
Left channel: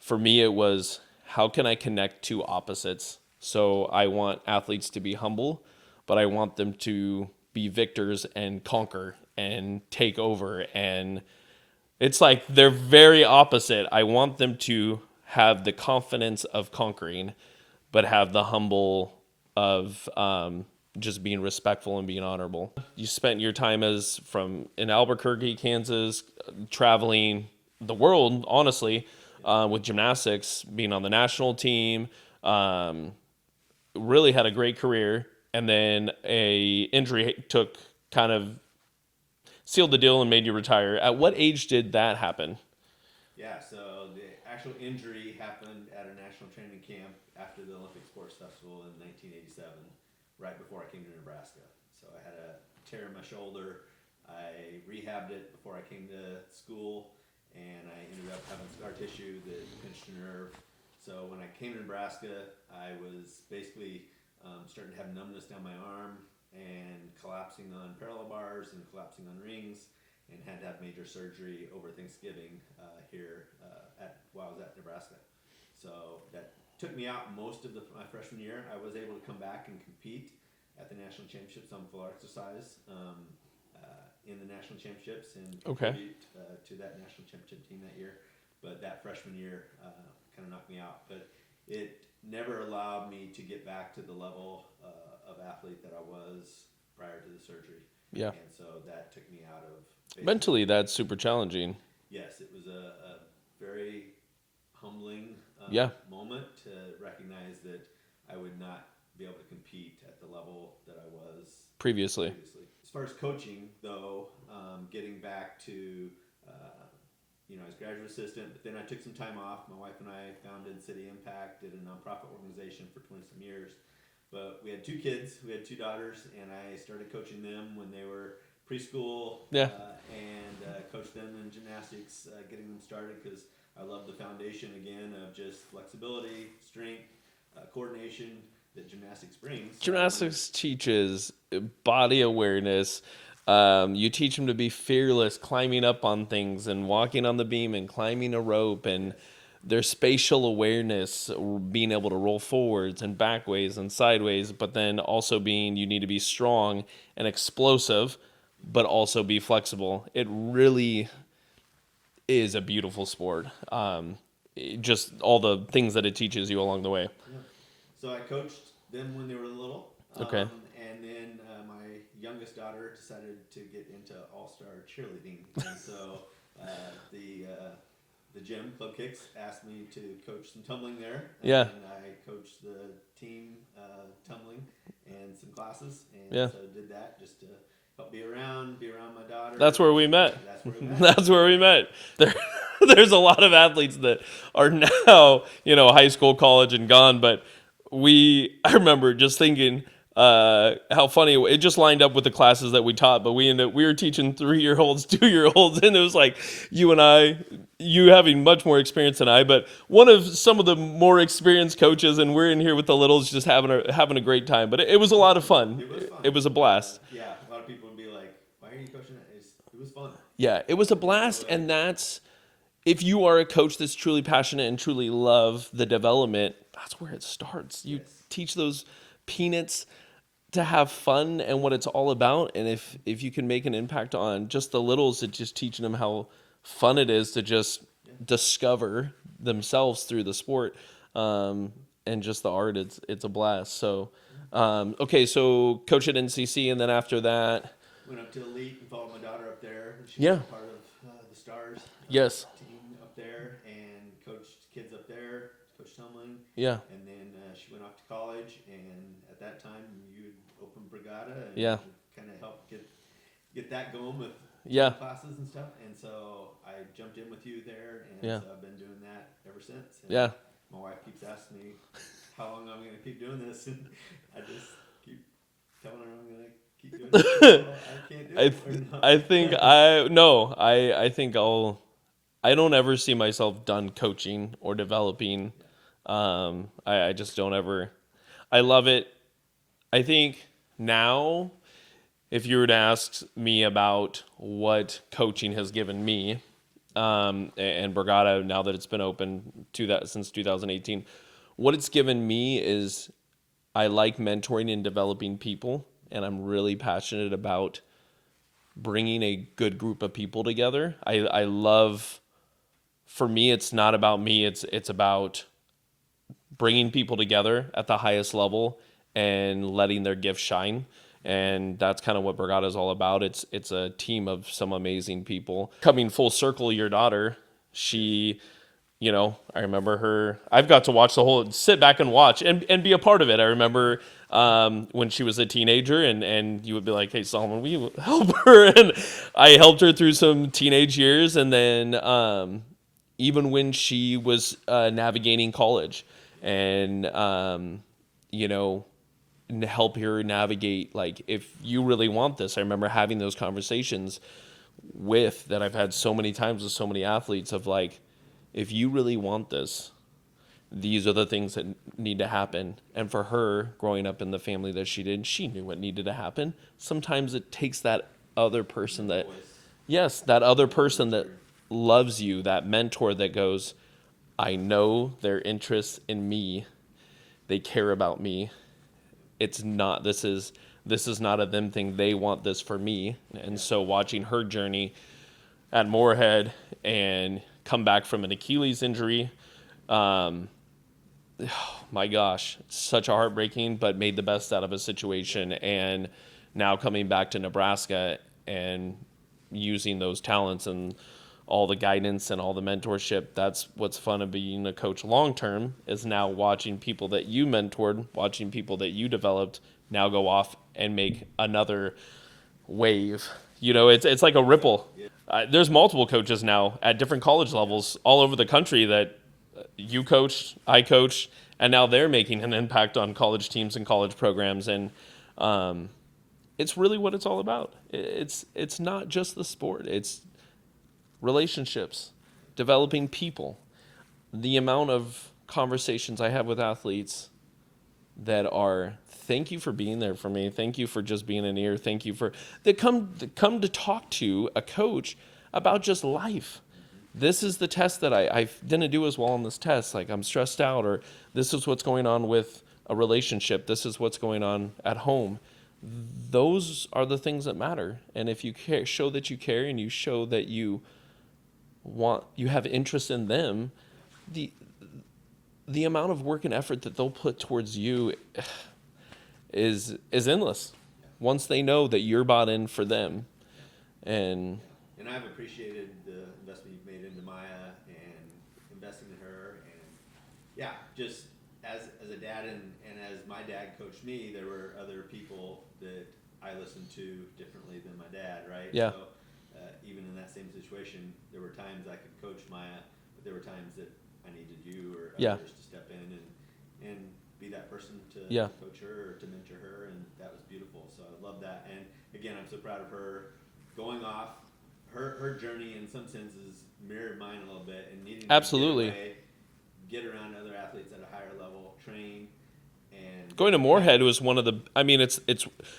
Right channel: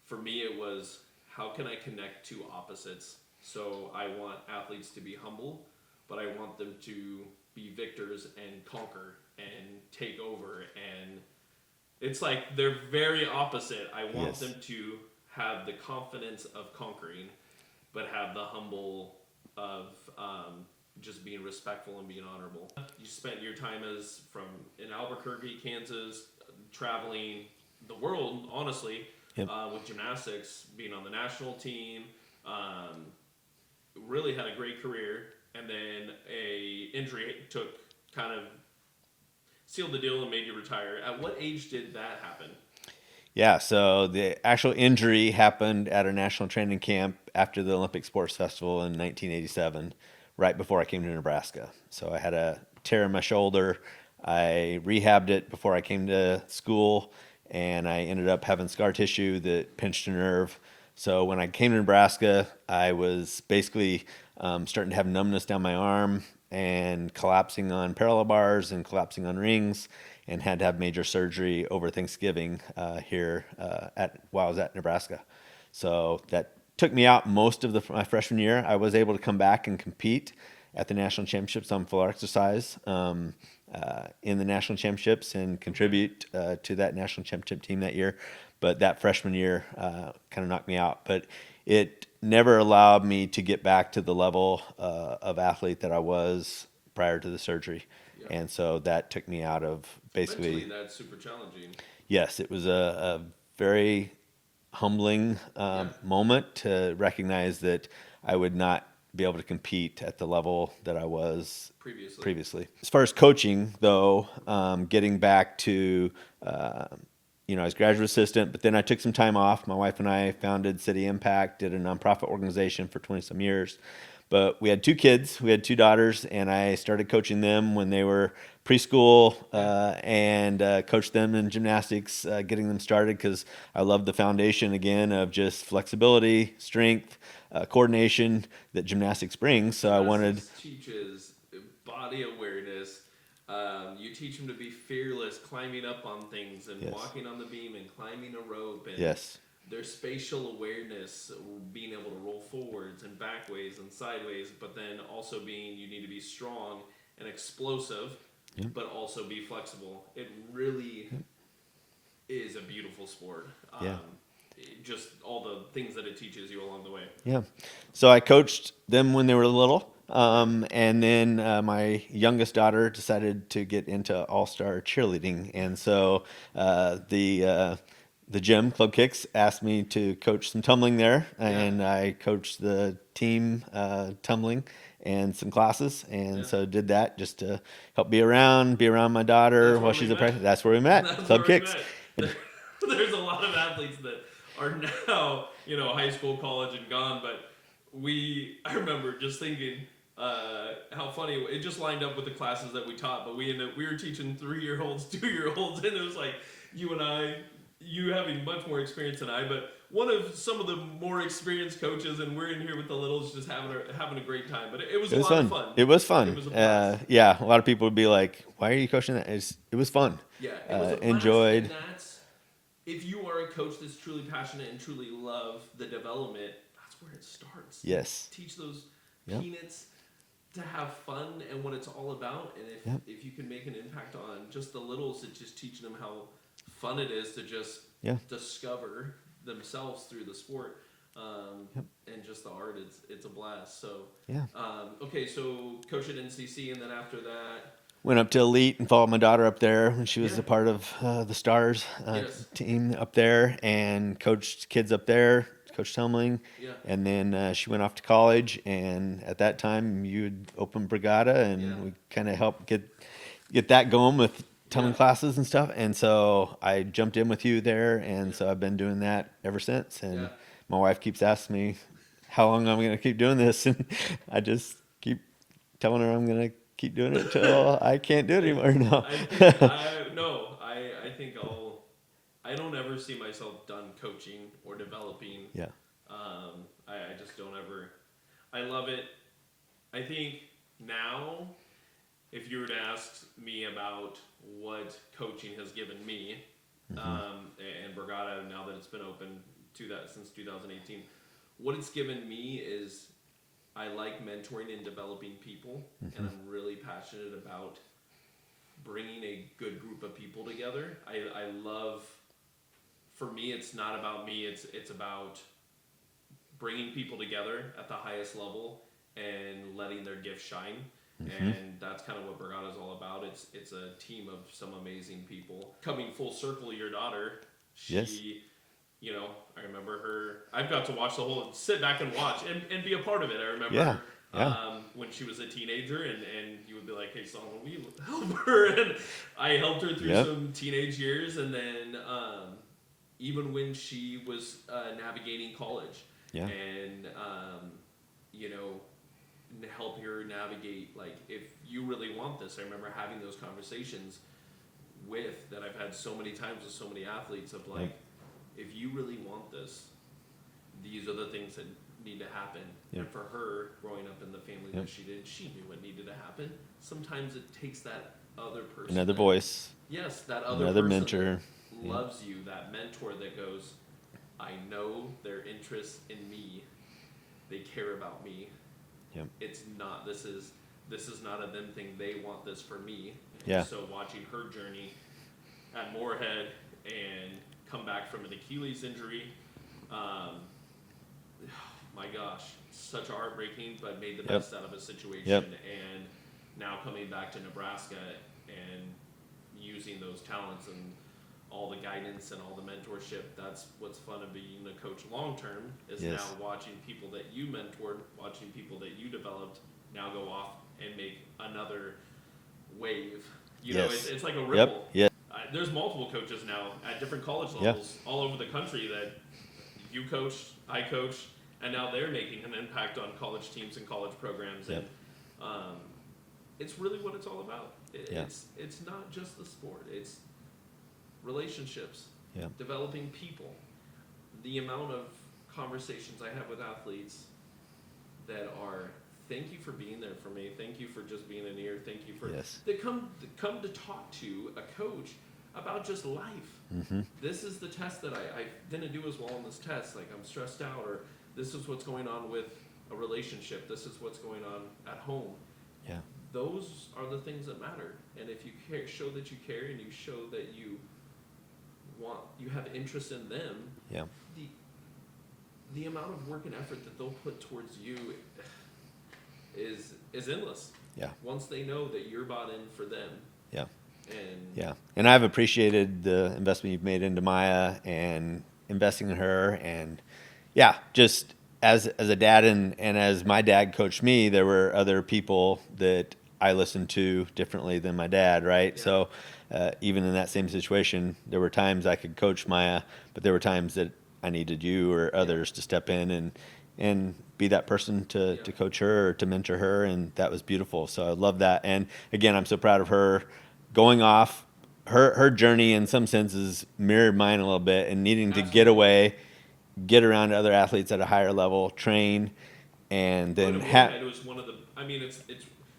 for me, it was, how can I connect two opposites? So I want athletes to be humble, but I want them to be victors and conquer and take over. And it's like they're very opposite. I want them to have the confidence of conquering, but have the humble of just being respectful and being honorable. You spent your time in Albuquerque, Kansas, traveling the world, honestly, with gymnastics, being on the national team, really had a great career. And then a injury kind of sealed the deal and made you retire. At what age did that happen? Yeah, so the actual injury happened at a national training camp after the Olympic Sports Festival in 1987, right before I came to Nebraska. So I had a tear in my shoulder. I rehabbed it before I came to school, and I ended up having scar tissue that pinched a nerve. So when I came to Nebraska, I was basically starting to have numbness down my arm and collapsing on parallel bars and collapsing on rings, and had to have major surgery over Thanksgiving here while I was at Nebraska. So that took me out most of my freshman year. I was able to come back and compete at the national championships on full exercise in the national championships and contribute to that national championship team that year. But that freshman year kind of knocked me out. But it never allowed me to get back to the level of athlete that I was prior to the surgery. Yeah. And so that took me out of basically. Mentally, that's super challenging. Yes, it was a very humbling moment to recognize that I would not be able to compete at the level that I was Previously. As far as coaching, though, getting back to, I was graduate assistant, but then I took some time off. My wife and I founded City Impact, did a nonprofit organization for 20 some years. But we had 2 kids, we had 2 daughters, and I started coaching them when they were preschool and coached them in gymnastics, getting them started because I love the foundation, again, of just flexibility, strength, coordination that gymnastics brings. So Gymnastics teaches body awareness. You teach them to be fearless, climbing up on things and walking on the beam and climbing a rope, and their spatial awareness, being able to roll forwards and backways and sideways, but then also you need to be strong and explosive, but also be flexible. It really is a beautiful sport. Just all the things that it teaches you along the way. Yeah. So I coached them when they were little. And then my youngest daughter decided to get into all-star cheerleading. And so the gym, Club Kicks, asked me to coach some tumbling there. And I coached the team tumbling and some classes. And so did that just to help be around my daughter. That's where we met. That's where we met. That's where we met. There's a lot of athletes that are now, high school, college, and gone. But I remember just thinking how funny it just lined up with the classes that we taught. But we were teaching 3-year-olds, 2-year-olds, and it was like you having much more experience than I, but one of some of the more experienced coaches, and we're in here with the littles just having a great time. But it was a lot of fun. It was fun. It was a blast. A lot of people would be like, "Why are you coaching that?" It was fun. Yeah, it was a blast, and that's. If you are a coach that's truly passionate and truly love the development, that's where it starts. Yes. You teach those peanuts to have fun and what it's all about. And if you can make an impact on just the littles, it's just teaching them how fun it is to just discover themselves through the sport and just the art. It's a blast. So, so coach at NCC, and then after that... Went up to Elite and followed my daughter up there when she was a part of the Stars team up there, and coached kids up there, coached tumbling. Yeah. And then she went off to college, and at that time you had opened Brigata, and we kind of helped get that going with tumbling classes and stuff. And so I jumped in with you there, and so I've been doing that ever since. And my wife keeps asking me how long I'm going to keep doing this, and I just keep telling her I'm going to keep doing it until I can't do it anymore. No. I don't ever see myself done coaching or developing. Yeah. I just don't ever. I love it. I think now, if you were to ask me about what coaching has given me, and Brigata, now that it's been open since 2018, what it's given me is I like mentoring and developing people, and I'm really passionate about bringing a good group of people together. I love, for me, it's not about me. It's about bringing people together at the highest level and letting their gifts shine. And that's kind of what Brigata is all about. It's a team of some amazing people. Coming full circle, your daughter, she... I remember her. I've got to sit back and watch and be a part of it. I remember when she was a teenager, and you would be like, "Hey, Solomon, will you help her?" And I helped her through some teenage years, and then even when she was navigating college, and help her navigate. Like, if you really want this, I remember having those conversations. with that I've had so many times with so many athletes of like, if you really want this, these are the things that need to happen. And for her, growing up in the family that she did, she knew what needed to happen. Sometimes it takes that other person, Another voice. Yes, that other Another person mentor. that loves you, that mentor that goes, I know their interests in me. They care about me. Yep. It's not, this is not a them thing. They want this for me. And so watching her journey at Moorhead and come back from an Achilles injury, my gosh, such a heartbreaking, but made the best out of a situation. And now coming back to Nebraska and using those talents and all the guidance and all the mentorship, that's what's fun of being a coach long term, is now watching people that you mentored, watching people that you developed now go off and make another wave. You know, it's like a ripple. There's multiple coaches now at different college levels all over the country that you coached, I coached, and now they're making an impact on college teams and college programs. And it's really what it's all about. It's not just the sport. It's relationships, developing people. The amount of conversations I have with athletes that are, thank you for being there for me. Thank you for just being an ear. Thank you for that come to talk to a coach about just life. This is the test that I didn't do as well on this test. Like, I'm stressed out, or this is what's going on with a relationship. This is what's going on at home. Those are the things that matter. And if you care, show that you care, and you show that you have interest in them, the amount of work and effort that they'll put towards you is endless. Once they know that you're bought in for them. And I've appreciated the investment you've made into Maya and investing in her. And just as a dad and as my dad coached me, there were other people that I listened to differently than my dad, right? So even in that same situation, there were times I could coach Maya, but there were times that I needed you or others to step in and be that person to coach her or to mentor her, and that was beautiful. So I love that. And again, I'm so proud of her going off. Her journey in some senses mirrored mine a little bit, and needing to get away, get around other athletes at a higher level, train, and then going to Moorhead was one of the. I mean, it's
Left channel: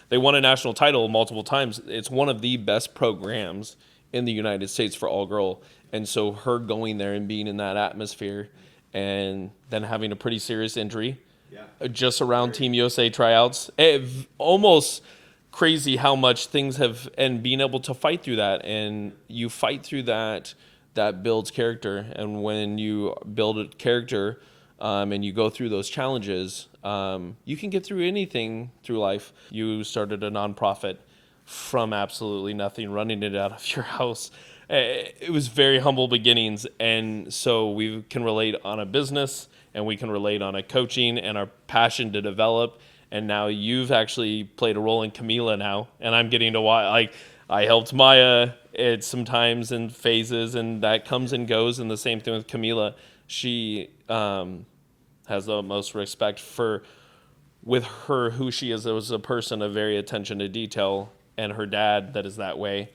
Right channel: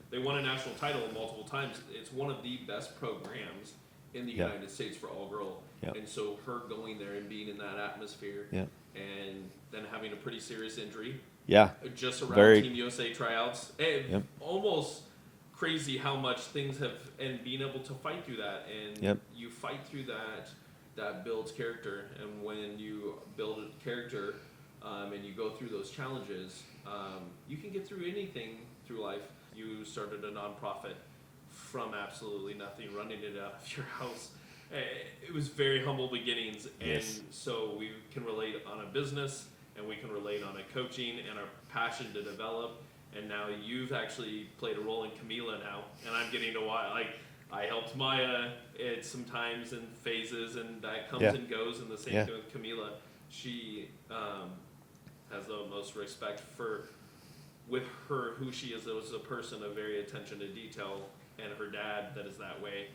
they won a national title multiple times. It's one of the best programs in the United States for all girl, and so her going there and being in that atmosphere, and then having a pretty serious injury, just around Team USA tryouts, almost crazy how much things have, and being able to fight through that, and you fight through that builds character. And when you build a character, and you go through those challenges, you can get through anything through life. You started a nonprofit from absolutely nothing, running it out of your house. It was very humble beginnings, and so we can relate on a business, and we can relate on a coaching and our passion to develop. And now you've actually played a role in Camila now, and I'm getting to watch. Like, I helped Maya at sometimes in phases, and that comes and goes. And the same thing with Camila. She has the most respect with her, who she is as a person, a very attention to detail, and her dad that is that way.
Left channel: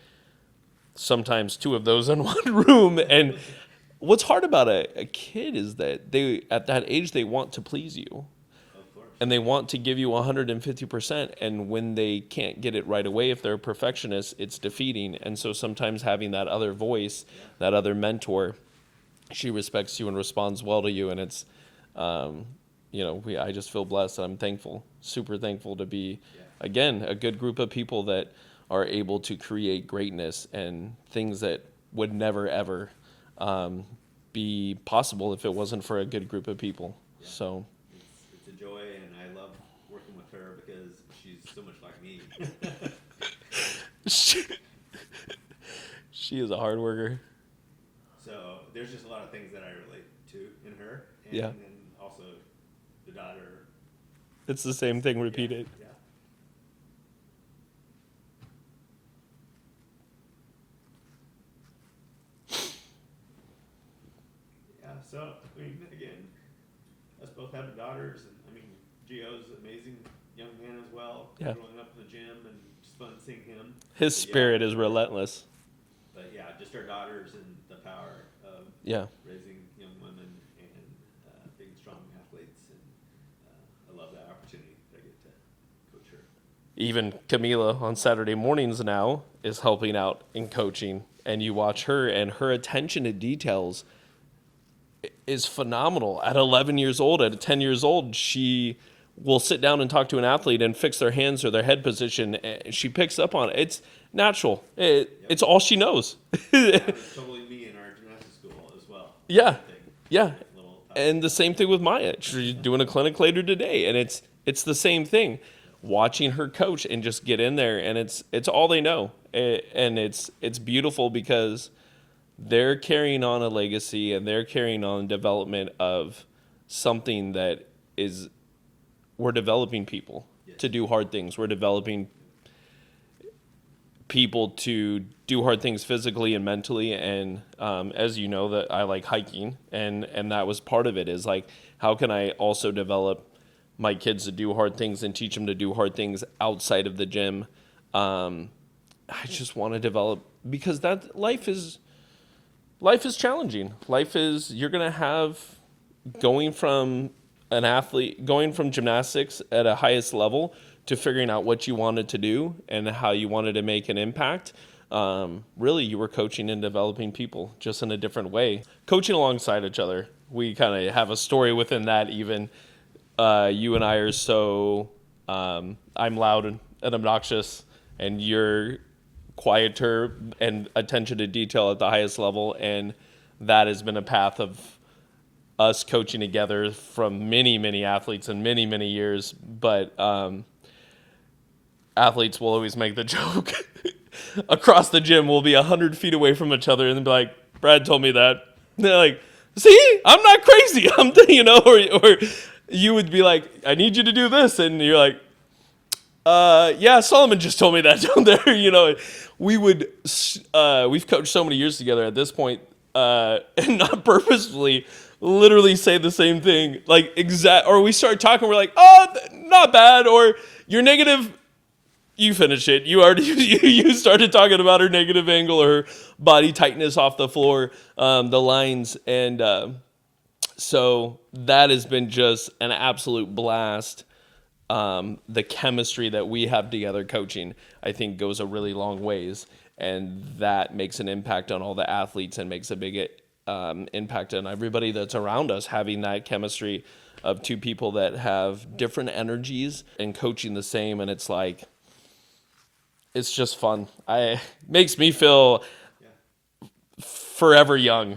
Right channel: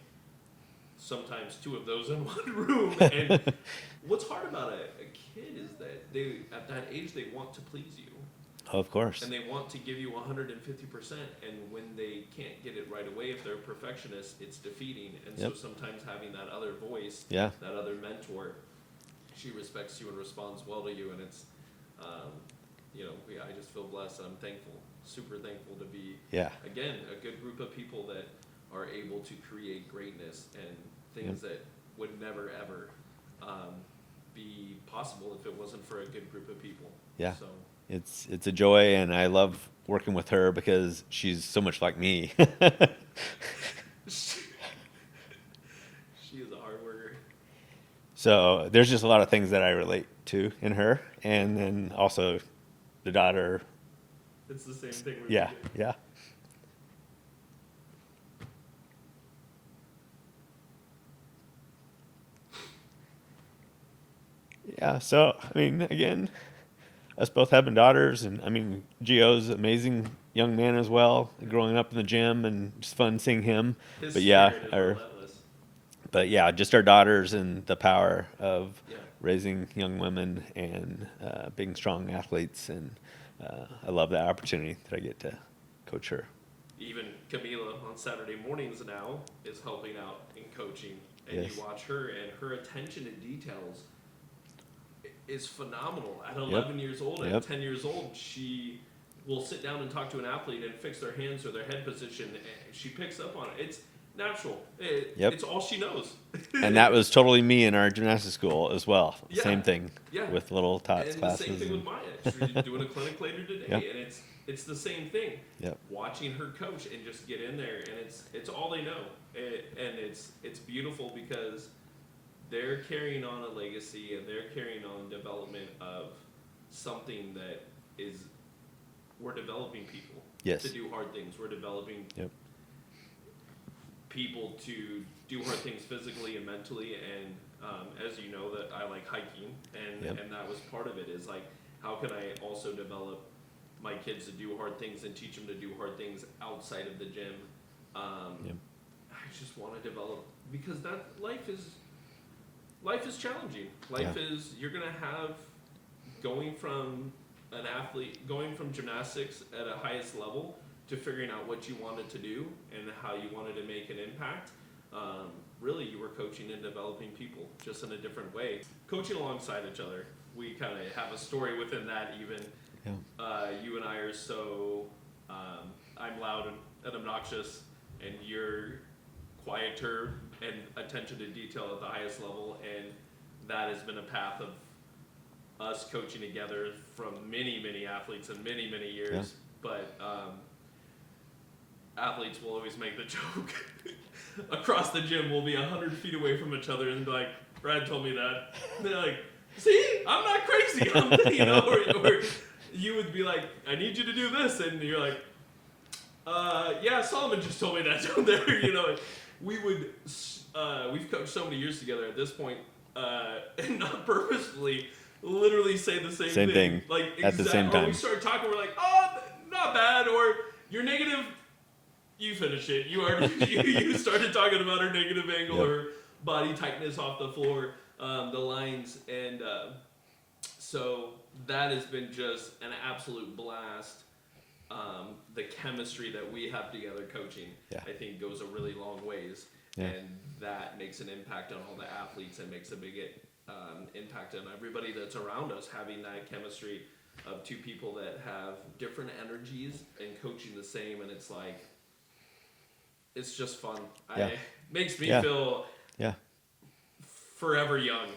Sometimes two of those in one room. And what's hard about a kid is that they, at that age, they want to please you. Of course. And they want to give you 150%. And when they can't get it right away, if they're a perfectionist, it's defeating. And so sometimes having that other voice, that other mentor, she respects you and responds well to you. And it's, I just feel blessed. I'm thankful, super thankful to be, again, a good group of people that are able to create greatness and things that would never, ever be possible if it wasn't for a good group of people. So it's a joy, and I love working with her because she's so much like me. She is a hard worker. So there's just a lot of things that I relate to in her, and then also the daughter. It's the same thing repeated. So I mean, again, us both having daughters, and I mean, Gio's an amazing young man as well, growing up in the gym, and just fun seeing him. His spirit is relentless. But yeah, just our daughters and the power of Yeah. raising young women and being strong athletes. And I love that opportunity that I get to coach her. Even Camila on Saturday mornings now is helping out in coaching, and you Yes. watch her, and her attention to details is phenomenal. At 11 years old, at Yep. 10 years old, she will sit down and talk to an athlete and fix their hands or their head position. And she picks up on it. It's natural. Yep. It's all she knows. And that was totally me in our gymnastics school as well. Yeah. Same thing. Yeah. With little tots And the same classes thing with Maya. She's doing a clinic later today, Yep. and it's the same thing. Yep. Watching her coach and just get in there, and it's all they know, and it's beautiful because they're carrying on a legacy and they're carrying on development of something that is we're developing people Yes. to do hard things. We're developing Yep. people to do hard things physically and mentally. And as you know, that I like hiking, and that was part of it. Is like, how can I also develop my kids to do hard things and teach them to do hard things outside of the gym? I just want to develop, because that life is challenging. Life is, you're gonna have, going from gymnastics at a highest level to figuring out what you wanted to do and how you wanted to make an impact. Really, you were coaching and developing people just in a different way, coaching alongside each other. We kind of have a story within that. Even you and I are so I'm loud and obnoxious, and you're quieter and attention to detail at the highest level, and that has been a path of us coaching together from many athletes in many years. But athletes will always make the joke across the gym. We'll be 100 feet away from each other and be like, Brad told me that. And they're like, see, I'm not crazy. Or you would be like, I need you to do this, and you're like, yeah, Solomon just told me that down there. We've coached so many years together at this point, and not purposefully, literally say the same thing. Like, or we start talking, we're like, oh, not bad, or you're negative. You finish it. You already you started talking about her negative angle or her body tightness off the floor, the lines, and so that has been just an absolute blast. The chemistry that we have together coaching, I think, goes a really long ways, and that makes an impact on all the athletes and makes a big impact on everybody that's around us, having that chemistry of two people that have different energies and coaching the same. And it's like, it's just fun. Makes me feel forever young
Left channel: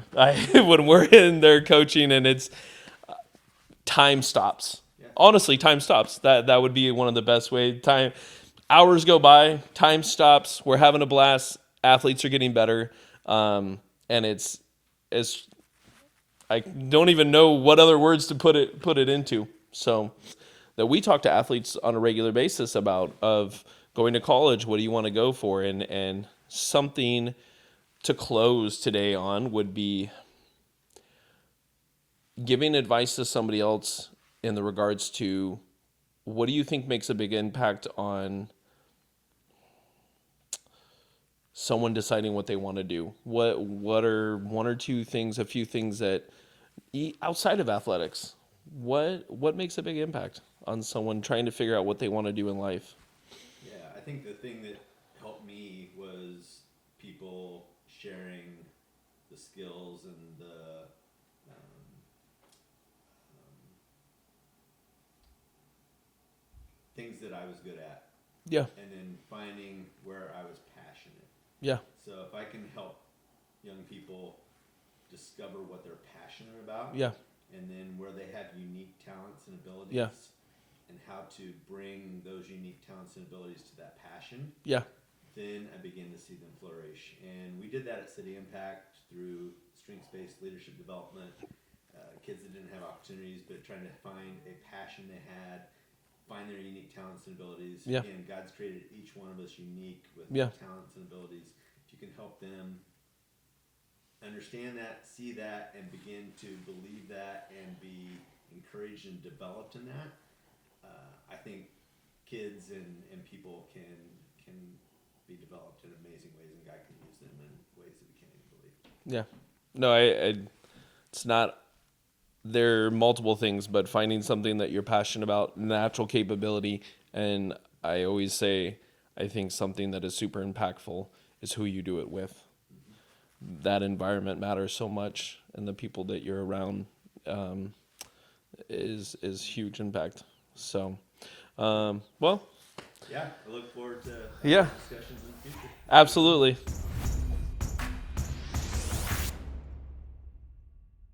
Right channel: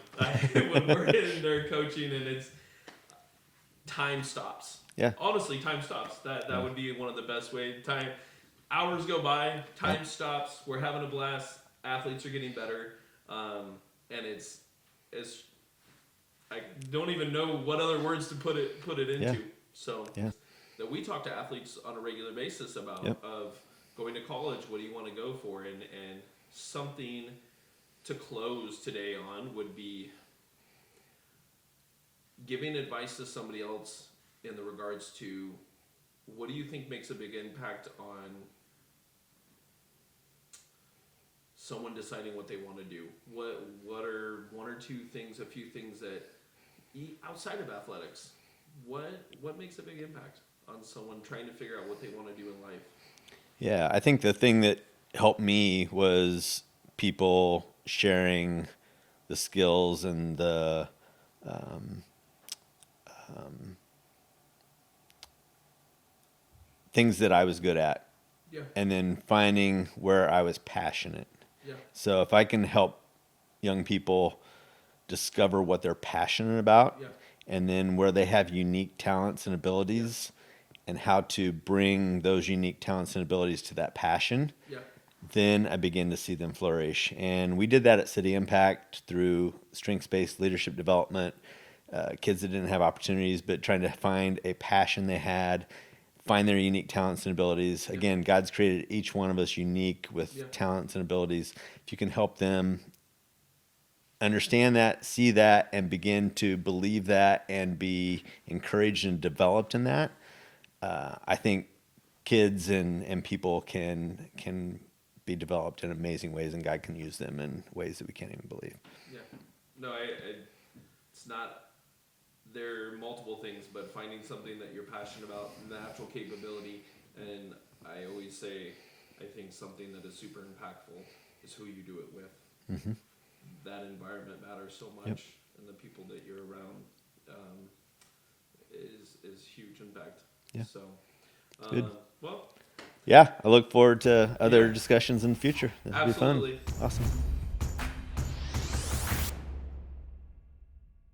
when we're in there coaching, and it's time stops. Yeah. Honestly, time stops. That would be one of the best ways. Hours go by, time stops. We're having a blast. Athletes are getting better, and it's I don't even know what other words to put it into. So that we talk to athletes on a regular basis about of going to college. What do you want to go for? And something to close today on would be giving advice to somebody else in the regards to, what do you think makes a big impact on someone deciding what they want to do? What are one or two things, a few things that outside of athletics, what makes a big impact on someone trying to figure out what they want to do in life? Yeah, I think the thing that helped me was people sharing the skills and the things that I was good at. Yeah. And then finding where I was passionate. Yeah. So if I can help young people discover what they're passionate about, and then where they have unique talents and abilities, and how to bring those unique talents and abilities to that passion, then I begin to see them flourish. And we did that at City Impact through strengths-based leadership development, kids that didn't have opportunities, but trying to find a passion they had, find their unique talents and abilities. Again, God's created each one of us unique with talents and abilities. If you can help them understand that, see that, and begin to believe that and be encouraged and developed in that, I think kids and people can be developed in amazing ways, and God can use them in ways that we can't even believe. Yeah. No, it's not, there are multiple things, but finding something that you're passionate about, natural capability, and I always say, I think something that is super impactful is who you do it with. Mm-hmm. That environment matters so much, and the people that you're around is huge impact. Yeah. So, Good. well, Yeah, I look forward to other Yeah. discussions in the future. That'd be fun. Absolutely. Awesome.